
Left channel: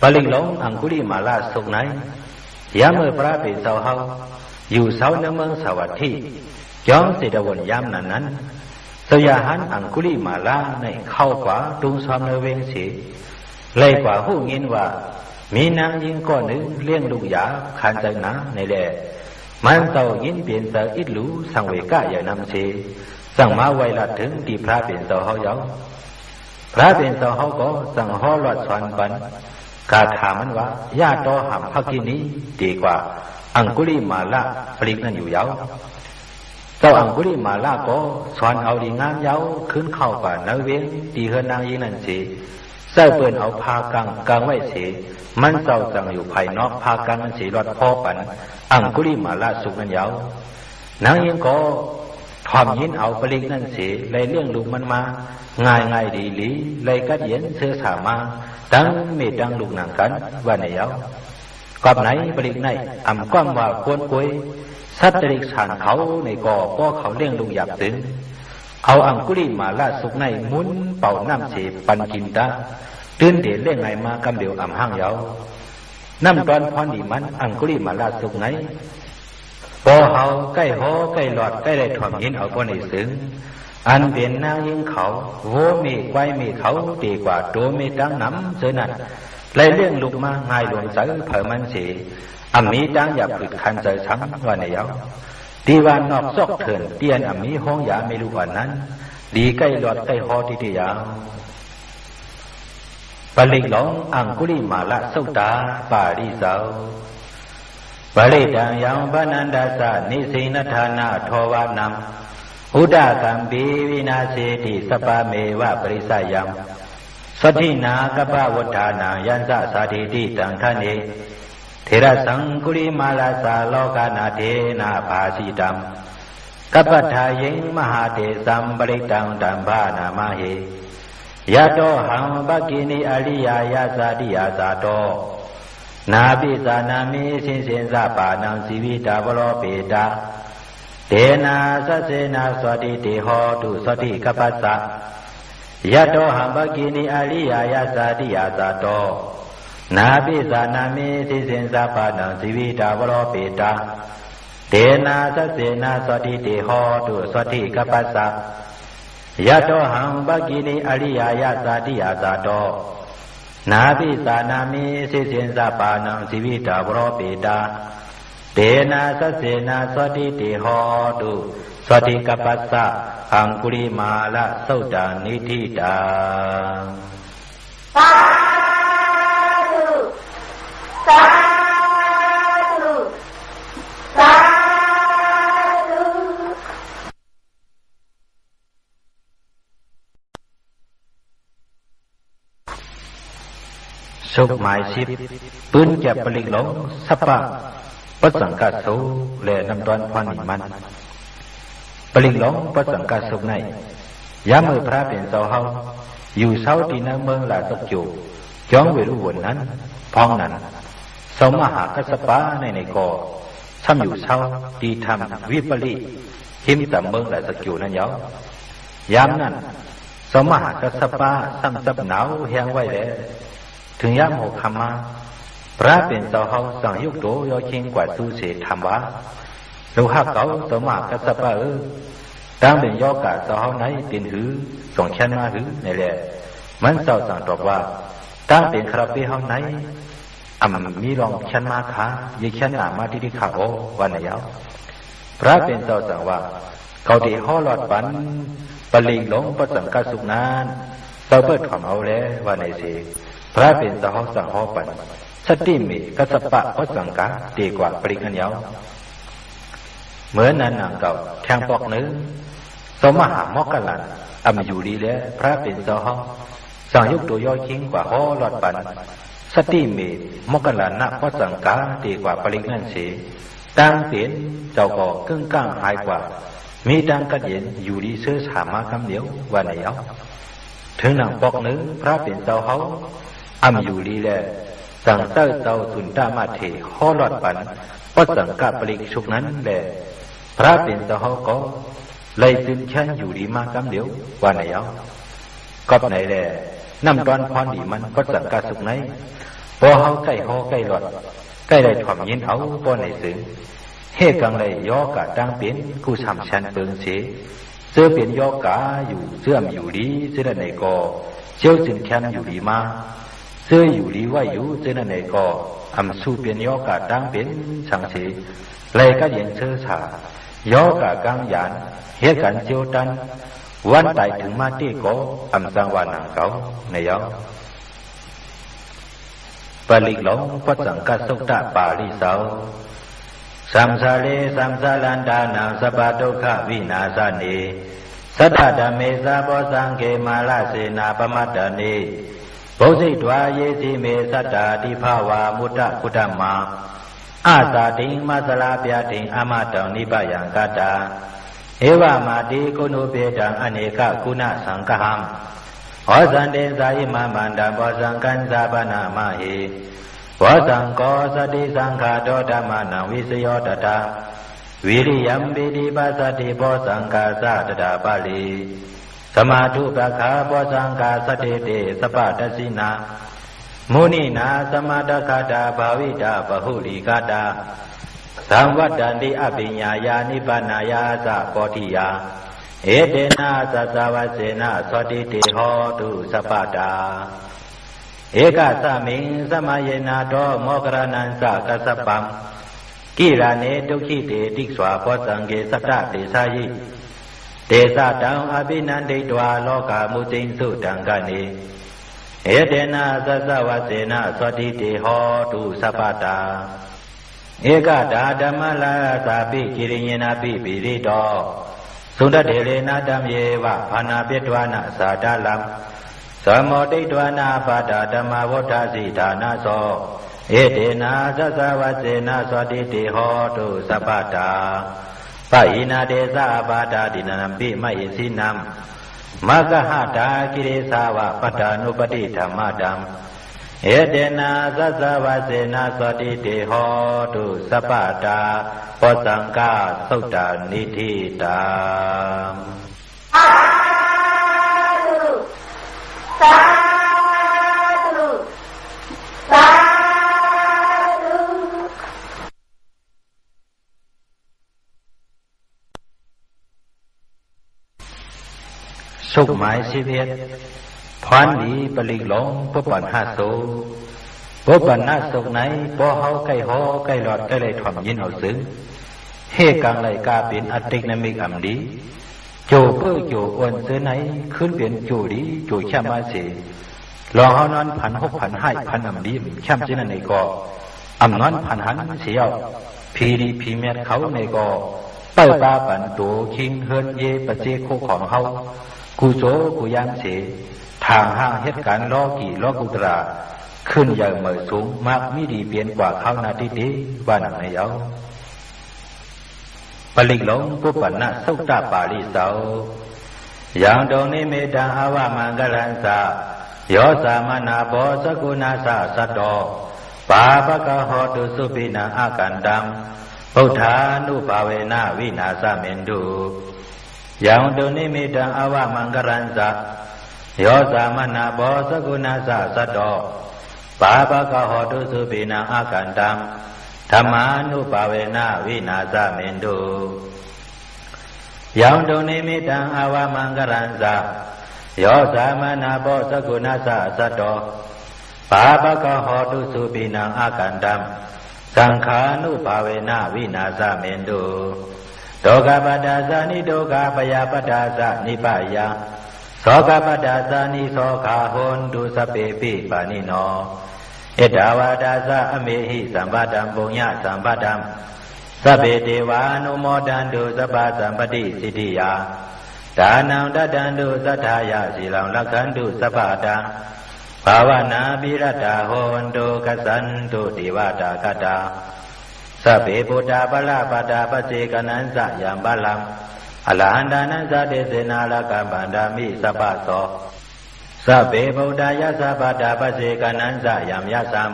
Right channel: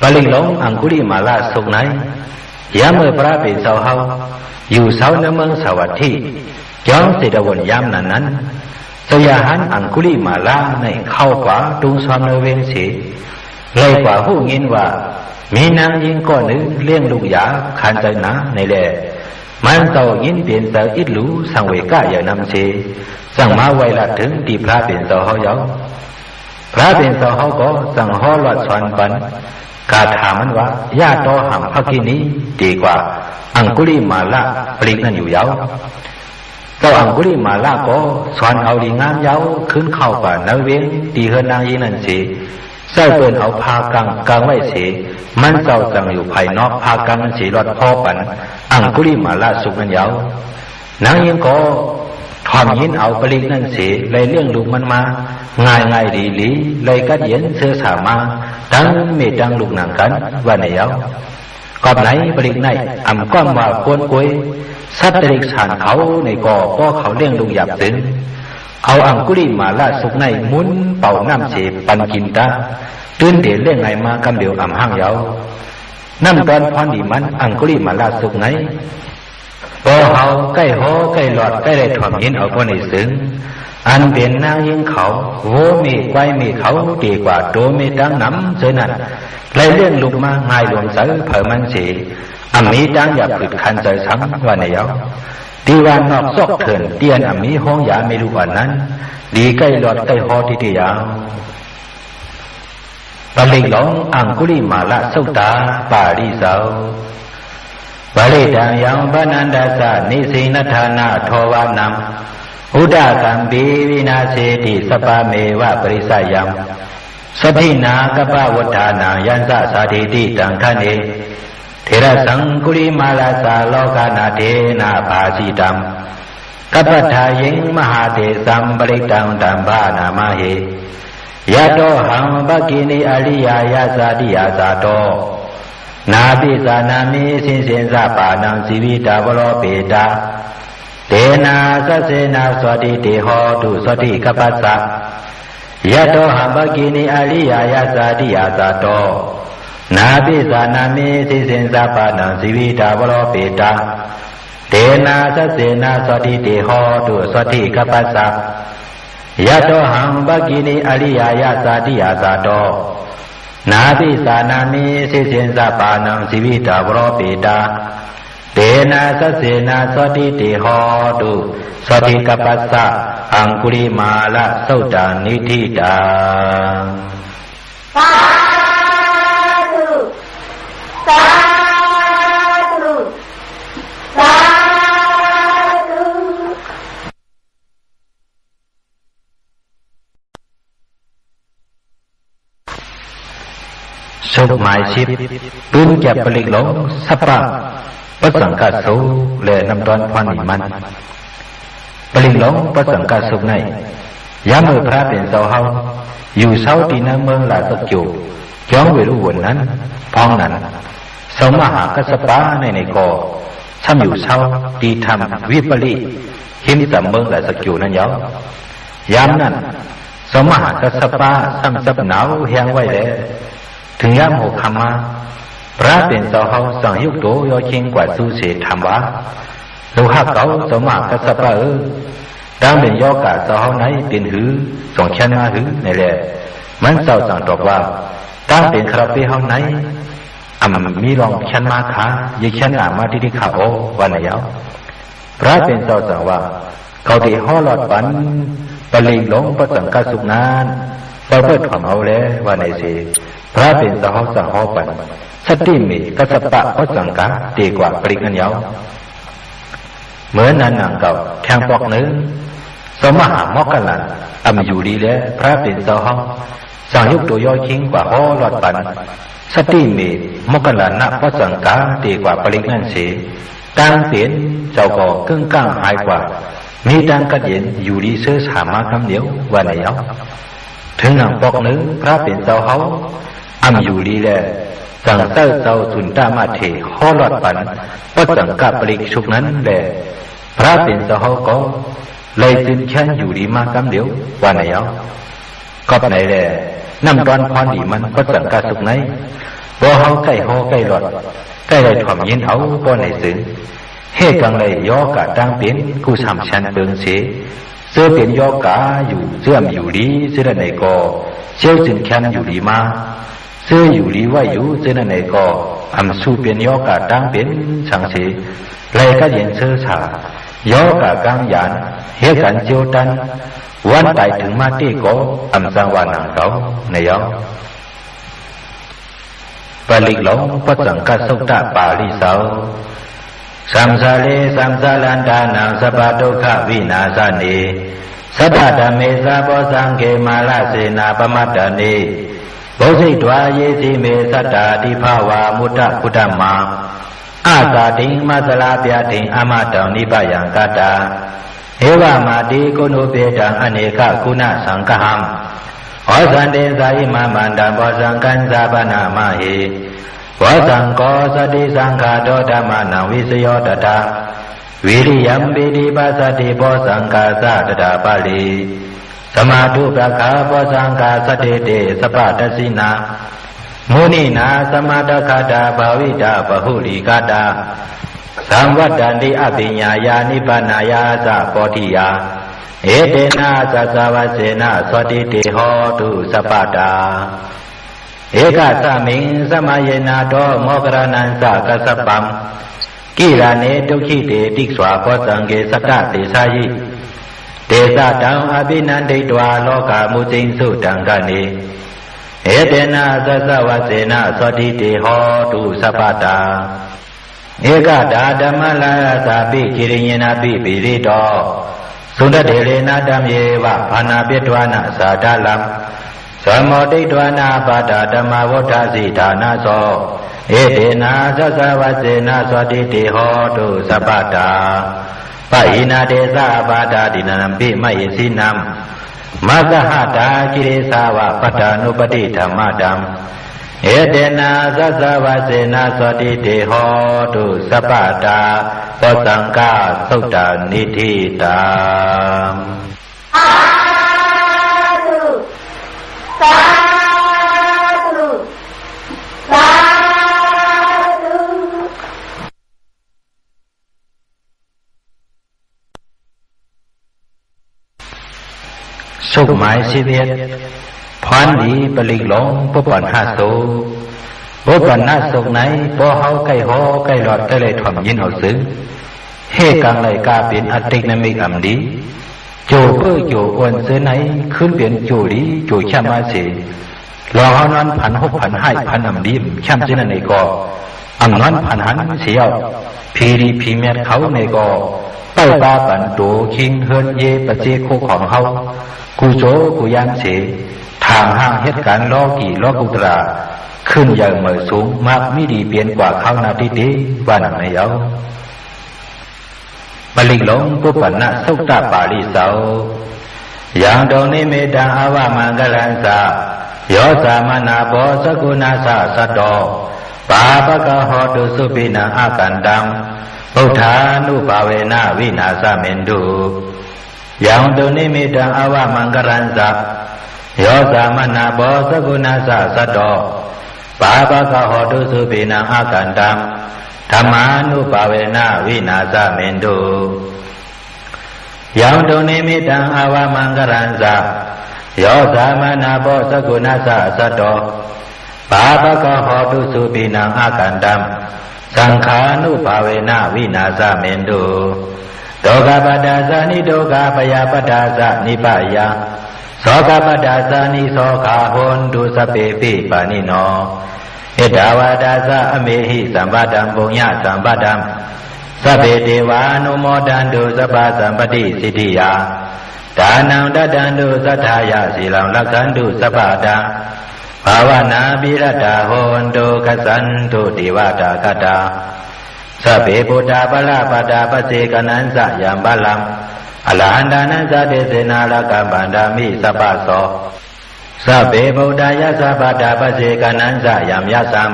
ปลิหลงอังคุลิมาลาสุกไหนยามเมื่อพระเป็นเสาเฮาอยู่เสาในเมืองสวัสดิ์ย้อนสิดวนยามนั้นเจ้าอย่าหันอังคุลิมาลาในเข้ากว่าดุงซ้อมในเวรสีเลยกว่าผู้ยินว่ามีนางยิงก้อนหนึ่งเลี้ยงลูกยาขันใจหนาในแหล่มันเต่ายินเปลี่ยนแต่อิดหลูสังเวก้าอย่างนำเสสั่งมาไว้ละถึงที่พระเป็นเสาเฮาเยาพระเป็นเสาเฮาก็สั่งห่อหลอดสอนปันกาถามมันว่าญาติต่อหำพักกินี้ดีกว่าอังคุลิมาละปลีกนั่นอยู่เยาเจ้าอังคุลิมาละก็สอนเอาดีงามเยาขึ้นเข้าป่านาเวงตีเฮือนนางยินนั่นเสใส่เปิ่นเอาพากังไว้เสมันเจ้าสั่งอยู่ภายนอกพากังนั่นเสรอดพ่อปันอังคุลิมาละสุกนั่นเยานางยิงก็ทอมยินเอาปลีกนั่นเสเลยเรื่องลูกมันมาง่ายดีเลยกัดเย็นเสื้อสามาตั้งเมตังลูกนางกันว่าในเยา ก็ไหนบริกในก้อมว่าควรกวยสัตว์เด็กสานเขาในก่อก็เขาเลี้ยงลุงหยับถึงเอาอังกุลิมาละสุกในมุนเป่าน้ำเสปันกินตาตื่นเดี๋ยวเรื่องไงมากำเดียวห้างเยาน้ำตอนพรดีมันอังกุลิมาละสุกไหนบ่เฮาใกล้หอใกล้หลอดใกล้ได้ถ่อมยินเอาคนในซึ้งอันเป็นนางยิงเขาโวมีไว้มีเขาดีกว่าโตมีดังน้ำเจอนั่นเลยเรื่องลุกมาง่ายหลวงเสือเผอมันเสียมีดังอย่าผึดคันใจซ้ำว่าในเยาดีว่านอกซอกเถินเตียนมีห้องยาไม่รู้อันนั้นดีใกล้หลอดใกล้หอที่ยาวปลิกหลงอังกุลิมาละสุตาปาริสาวบาลีดังยังบานันดาสะนิสินธานาโทวานัมอุดากัมปีวินาเสติสปาเมวะปริสัยยังสถินากปะวัฏานายันสะสาธิติตังทเนเทระสังกุลิมาลาสาโลกานาเทนาภาสิตัมกัปปทายิงมหาเทสัมปริตังตัมภานามาเหยะโตหังภกินีอริยายาสาติยาสาโตนาปิสานามิสินสินสะปานังสีวิตาวโรเปตาเตนะสัสเสนะสวัสดิเตโหตุสวัสดิกัปปัสสะยะโตหังภกินีอริยายาสาติยาสาโตนาปิสานามิสินสินสะปานังสีวิตาวโรเปตาเตนะสัสเสนะสวัสดิเตโหตุสวัสดิกัปปัสสะยะโตหังภกินีอริยายาสาติยาสาโตนาปิสานามิสินสินสะปานังสีวิตาวโรเปตาเตนะสัสเสนะสวัสดิเตโหตุสวัสดิกัปปัสสะอังกุลิมาละสุตานิธิตาสาธุสาธุสาธุ สุขหมายชิบปืนแก็บปลิกหลงสัปปะปัสสังกัสสุและนำตอนพรนิมันปลิกหลงปัสสังกัสสุในยามเมื่อพระเป็นเสาเฮาอยู่เสาตีนังเมืองลาสักจูจ้องเวรุวนนั้นพองนั้นสมหากัสปะในกอซ้ำอยู่เสาตีทำวิปริหิมจำเมืองลาสักจูนั้นยามนั้นสมหากัสปะซ้ำซับหนาวแห้งไว้แล้วถึงยามหกคำมาพระเป็นเจ้าเฮาสังยุกโตยอชิงกว่าสู้เสียธรรมวะลูกฮักเขาสมากกัสปะดังเป็นยอกาเจ้าเฮาไหนเป็นหือส่งเช่นมาหือในแหละมันเจ้าสั่งตอบว่าตั้งเป็นคราเปเฮาไหนมีรองชันมาขายิชันมาที่ขาโอวันไหนเอาพระเป็นเจ้าสั่งว่าเขาที่ห่อหลอดปันปลิงหลงประสังกัสสุนานเราเปิดถ่อมเอาแล้ววันไหนสิพระเป็นเจ้าเฮาสั่งห่อปันสติมีกัสปะก็สังกาดีกว่าปริกันยาวเหมือนนั้นนางเก่าแทงปอกเนื้อสมหามอกกันลันอยู่ดีแล้วพระเป็นเจ้าเฮาสั่งยุกตัวย่อยชิงกว่าห่อหลอดปันสติมีมอกกันลันนักก็สังกาดีกว่าปริกันเสียต่างเปลี่ยนเจ้าก็กึ่งก้างหายกว่ามีดังกระเย็นอยู่ดีเสื้อสามาคำเดียววันไหนเอาถึงนางปอกเนื้อพระเป็นเจ้าเฮาอยู่ดีแล้วสังเต้าเจ้าสุนตามาเถห่อหลอดปันก็สังกาปริกชุกนั้นแหละพระเป็นเจ้าเฮาก็เลยจึงแค่อยู่ดีมากำเดียววันไหนเอาก็ไหนแหละน้ำตอนพรดีมันก็สังกาสุกไหนบ่เฮาใกล้ห่อใกล้หลอดใกล้เลยถ่อมยินเอาบ่ไหนซึ้งเฮกังเลยย่อกะตั้งเปลี่ยนกูสามชั้นเปิงเสียเสื้อเปลี่ยนย่อกะอยู่เสื่อมอยู่ดีเสื้อไหนก็เชี่ยวจึงแค่อยู่ดีมาเสื้ออยู่ดีว่าอยู่เสื้อไหนก็สู้เปลี่ยนย่อกะตั้งเปลี่ยนสังเสียเลยก็เย็นเสื้อฉาย่อกะกลางยานเฮกันเจียวตันวันไต่ถึงมาตีก็สังวานังเก่าในย่อปลิกหลงปัจจังกัสสุตะปาลิสาวสัมสาเลสัมสาลันดานังสปะทุกขวินาสเนสัทธธรรมเมสาโพสังเกมาลเสนาปมัตตเนโพสิตวาเยสิเมสัตตาทิภาวามุตตะพุทธมาอากาติงมัสลาปยติงอมตังนิพยังตตาเอวามาติโกนุเปตังอเนกคุณสังฆังอสันเดสายิมามันดัมโพสังกันสาปนามาหิโพ วสังโฆสติสังฆาโตธรรมานังวิสโยตถาวิริยัมปิติปัสสติโพสังฆาสะตถาปาลีสมาธุปะคาโพสังฆาสติเตสปะตสินามุนีนาสมาทคาตาภาวิตาปหุลิกาตาสัมวัตตันติอภิญญายานิพพานายาสะโพธิยาเอเตนะสัสวะเสนะสติเตโหตุสปะตาเอกสามิงสมัยนาโตโมกรนันสะกัสสปัมกิราเนตุขิเตติสวาโพสังเกสัตตเตสายิเตสะตังอภินันติตวาโลกามุจิงสุตังกะเนเอเตนะสัสวะเสนะสติเตโหตุสปะตาเอกดาဓမ္มลายสาปิกิริยนาปิปิริโตสุนทเถเรนะธัมเยวะภานาปิตวานะสาดาลัมสมโมติตวานาปาดาธรรมวฏาสิฐานาโสเอเตนะสัสวะเสนะสติเตโหตุสปะตาปะหินาเตสะปาดาดินัมปิมะยิสินัมมัสหตากิริสาวะปัฏฐานุปติธรรมดัมเอเตนะสัสวะเสนะสติเตโหตุสปะตาโพสังฆาสุตตานิธิตาสาธุสาธุ สุขหมายชีวิตพรดีปลิกหลงปุปปันหาโสปุปปันหาสุขไหนพอเฮาใกล้หอใกล้หลอดใกล้เลยถ่อมยินเอาซึ้งเฮกังไหลกาเป็นอติกนามิกอัมดีโจเพื่อโจอ้วนเสือไหนขึ้นเปลี่ยนโจดีโจช่ำมาเสียรอเฮานอนพันหกพันให้พันอัมดีช่ำเจนันในกออัมนอนพันหันเสียวพีรีพีเมียเขาในกอเต้าปาปันโตคิงเฮินเยปเจโคของเฮากูโจกูยันเสทางห้างเหตุการณ์ล้อกี่ล้อกุตราขึ้นอย่างเหมือสูงมากไม่ดีเปลี่ยนกว่าเขานาทีดีบ้านไม่เอาปลิกหลงปุปปันนะสุตตปาลิเสาอย่างดงนิเมตังอาวามังกลันสาโยสามนาโบสกุณาสะสัตโตปาปะกะโหตุสุปินังอากันตังพุทธานุภาเวนะวินาสเมนตุอย่างดงนิเมตังอาวามังกลันสาโยสามนาโบสกุณาสะสัตโตปาปะกะโหตุสุปินังอากันตังธรรมานุภาเวนะวินาสเมนตุยังตุนิมิตังอาวามังกรันสะโยสามนาโพสกุณาสะสัตโตปาปะกะโหตุสุปินังอากันตังสังขานุภาเวนะวินาสเมนตุโตกะปะดาสานิโตกะปยาปดาสะนิปะยังโสกะปดาสานิโสกะโหนตุสเปปิปานิโนเอตาวาดาสะอเมหิสัมปตังปุญญสัมปตังสัพเพเทวานุโมทันตุสัพพสัมปติสิทธิยาทานังตัตันตุสัทธายะศีลังรักขันตุสัพพตังภาวนาภิรตาโหนตุกัสสันตุเทวตากตาสัพเพพุทธาภลาปตาปเสกนันสะยัมบาลังอรหันตานันสะเตเสนาลกัมปันดามิสัพพโสสัพเพพุทธายะสัพพตาปเสกนันสะยัมยะสัม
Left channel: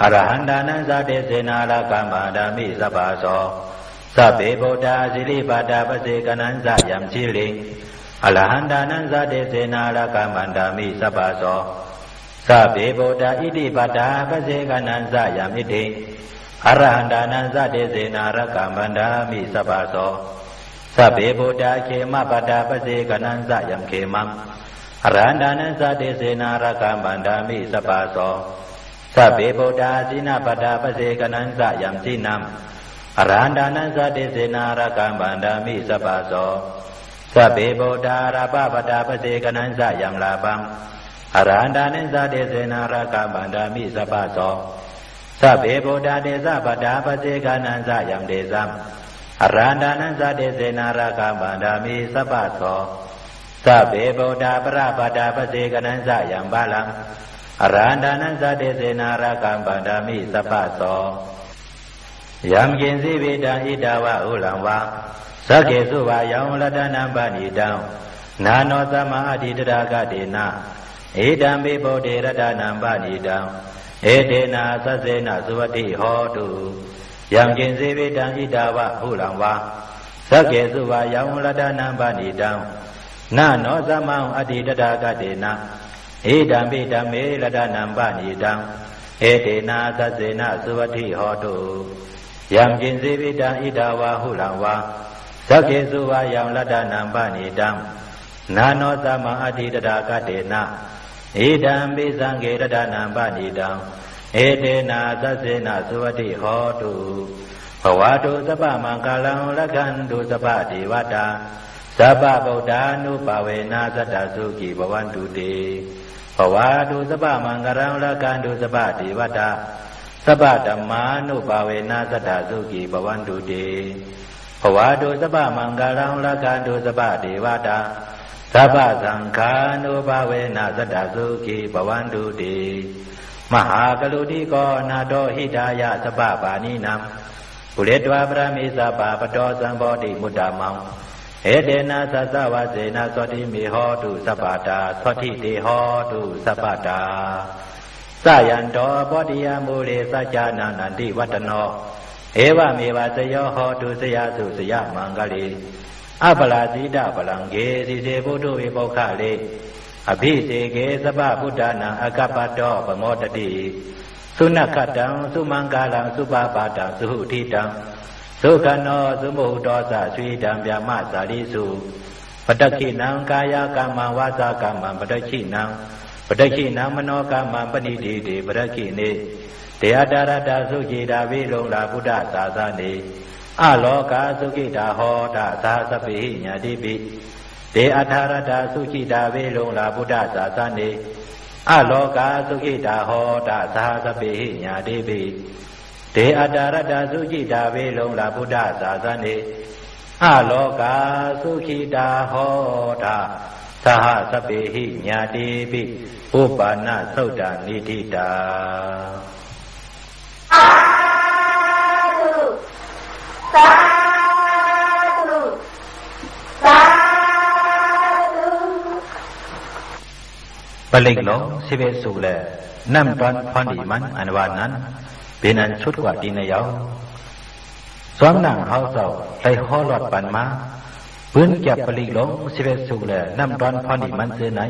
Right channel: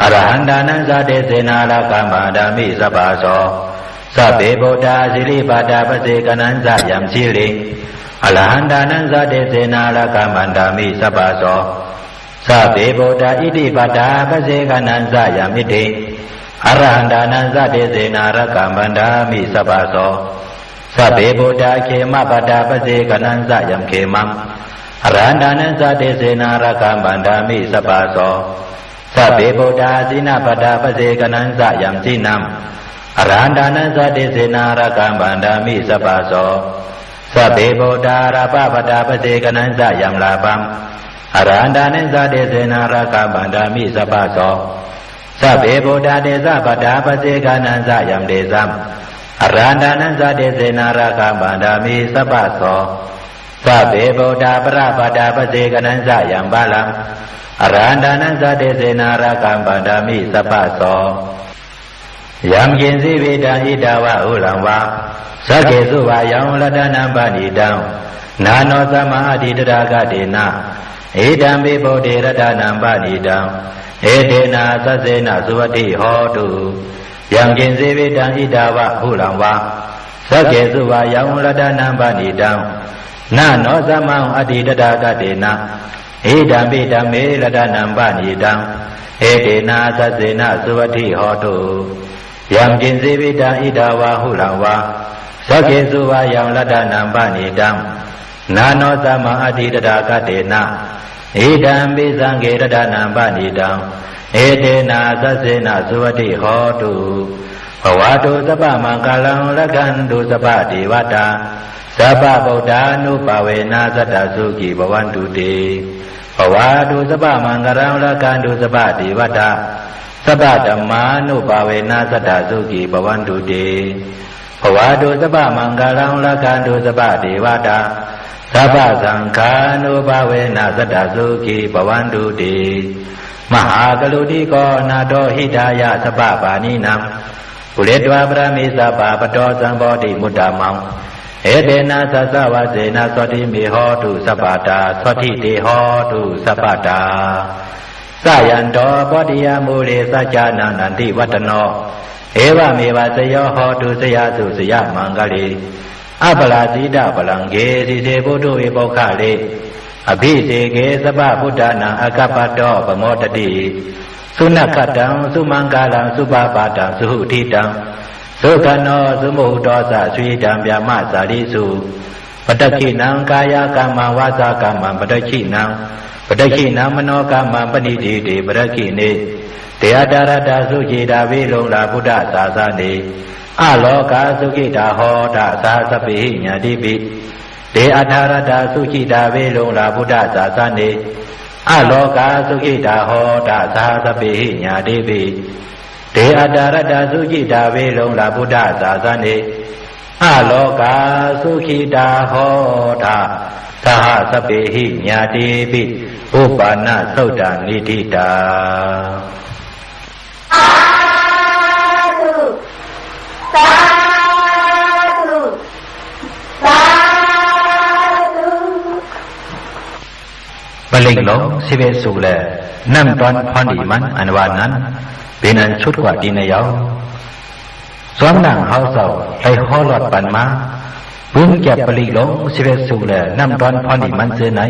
อรหันตานันสะเตเสนาลกัมปันดามิสัพพโสสัพเพพุทธาสิริปตาปเสกนันสะยัมสิริอรหันตานันสะเตเสนาลกัมปันดามิสัพพโสสัพเพพุทธาอิติปตาปเสกนันสะยัมอิติอรหันตานันสะเตเสนาลกัมปันดามิสัพพโสสัพเพพุทธาเขมปตาปเสกนันสะยัมเขมังอรหันตานันสะเตเสนาลกัมปันดามิสัพพโสสัพเพพุทธาสินาปตาปเสกนันสะยัมสินัมอรหันตานันสะเตเสนาลกัมปันดามิสัพพโสสัพเพพุทธาราปปตาปเสกนันสะยัมลาภัมอรหันตานันสะเตเสนาลกัมปันดามิสัพพโสสัพเพพุทธาเตสะปตาปเสกนันสะยัมเตสัมอรหันตานันสะเตเสนาลกัมปันดามิสัพพโสสัพเพพุทธาปราปตาปเสกนันสะยัมบาลังอรหันตานันสะเตเสนาลกัมปันดามิสัพพโสยัมยินสิวิตังอิตาวะอุลังวาสักเกสุวายังรัตนัมปณิตังนาโนสัมมาอธิตรากะเตนะเอตัมปิโพธิรัตนัมปณิตัง เอเทนะสัสเสนะสุวัตถิโหตุยังกินเสวิตังอิดาวะหุลังวาสักเกสุวายังรัตนังปณิตังนาโนสัมมังอติตตากเตนะอิดัมปิดัมเมรัตนังปณิตังเอเทนะสัสเสนะสุวัตถิโหตุยังกินเสวิตังอิดาวะหุลังวาสักเกสุวายังรัตนังปณิตังนาโนสัมมังอติตตากเตนะอิดัมปิสังเกรัตนังปณิตังเอเตนะสัสเสนะสุวัตถิโหตุภวะตุสัพพะมังคลังละกันตุสัพพะเทวตาสัพพะพุทธานุภาเวนะสัตตสุขีภวันตุเตภวะตุสัพพะมังคลังละกันตุสัพพะเทวตาสัพพะธัมมานุภาเวนะสัตตสุขีภวันตุเตภวะตุสัพพะมังคลังละกันตุสัพพะเทวตาสัพพะสังฆานุภาเวนะสัตตสุขีภวันตุเตมหากลุติโกนาโตหิตายะสัพพะปานินังปุเรตวะปรมิสัพพะปโตสัมโพธิมุตตมังเอเตนะสัสสะวะเสนะสวัสดิเมโหตุสัพพะตาสวัสดิเตโหตุสัพพะตาสยันโตปฏิยมูเลสัจจานังนันติวัตโนเอวเมวะสโยโหตุสยาสุสยมังกลีอัปปลาสีดาปลังเกสิเสพุทโธเอปุขะเลอภิเสเกสัพพะพุทธานังอกัปปะโตปโมตติสุนัขตังสุมังกาลังสุปาปาตังสุหุทิตังสุขโนสุโมโตสะสุยิตังဗျามสาริสุปตคินังกายกรรมังวาจากรรมังปตคินังมโนกรรมังปณิทิติปตคิเนเตอดารตาสุจิตาวิโลลาพุทธศาสနေอโลกาสุขิตาโหตสาสปิญาติปิเตอธารตาสุจิตาวิโลลาพุทธศาสနေอโลกาสุขิตาโหตสาสปิญาติปิเตอดารตาสุจิตาวิโลลาพุทธศาสနေอโลกาสุขิตาโหตสหสปิญาติปิอุปาณสุตตานิทิตาปลิกหลงสิเวสุแลนั่มตอนพรดีมันอันวานนั้นเป็นอันชุดกว่าดีในเยาสอนนั่งเฮาเศร้าไปห้อหลอดปันมาพื้นแก็บปลิกหลงสิเวสุแลนั่มตอนพรดีมันเสือไหน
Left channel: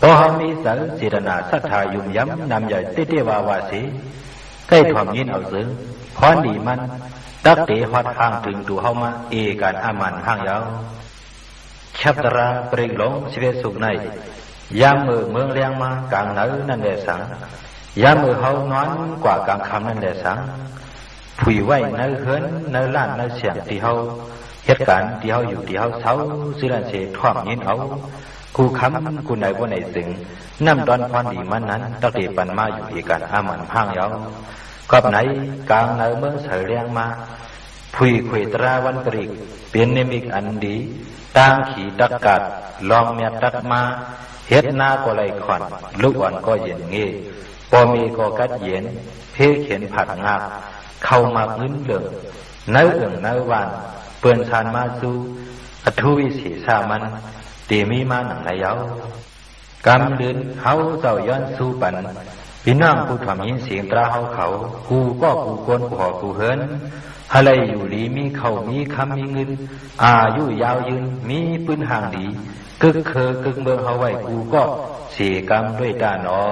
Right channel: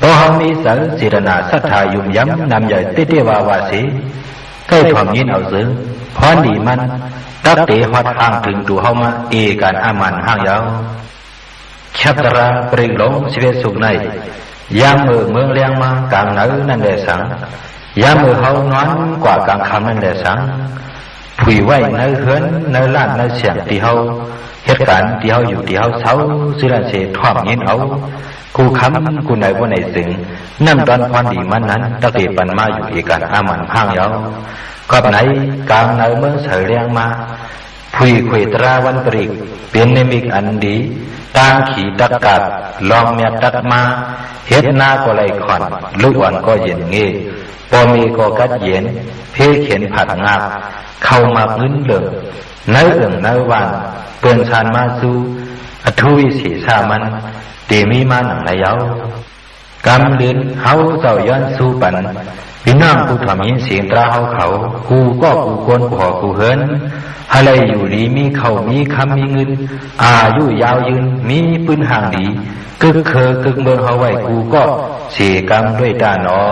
พอเฮามีสังศิรนาศรัทธายุ่มย้ำนำใหญ่เตเตวาวาสีใกล้ถ่อมยินเอาซื้อพรดีมันตักเตฮอดห่างถึงตัวเฮามาเอการอามันห่างยาวชัตราปลิกหลงสิเวสุในยามมือเมืองเลี้ยงมากลางเหนือนั่นแหละสังยามมือเฮานอนกว่ากลางคำนั่นแหละสังผุยไว้ในเฮือนในลาดในเสียงที่เฮาเหตุการณ์ที่เฮาอยู่ที่เฮาเศร้าสิละเสท่อมยินเอากูคำกูไหนว่าไหนสิงน้ำตอนพรดีมันนั้นตะเกียปันมาอยู่ที่กันอามันห้างยาวก็ไหนกลางเหนือเมืองเสยเลี้ยงมาผุยขุยตราวันปริกเป็นนิมิตอันดีตางขี่ตะกัดลองเมียตัดมาเฮ็ดหน้าก็ไหลขอนลูกอ่อนก็เย็นเงี้ปอมีก็กัดเย็นเพเข็นผัดงาบเข้ามาพื้นเหลืองเนื้อเอื่องเนื้อวานเปื่อนชานมาสู้อทุวิสีสามันตีมีมาหนังนายาวกำเดินเฮาเจ้าย้อนสู้ปันพี่น้องผู้ทำยินเสียงตราเฮาเขากูก็กูโกนกูหอกูเฮินอะไรอยู่ดีมีเขามีคำมีเงินอายุยาวยืนมีปืนห่างดีกึกเคอกึกเมืองเฮาไว้กูก็เสียกรรมด้วยตาหนอ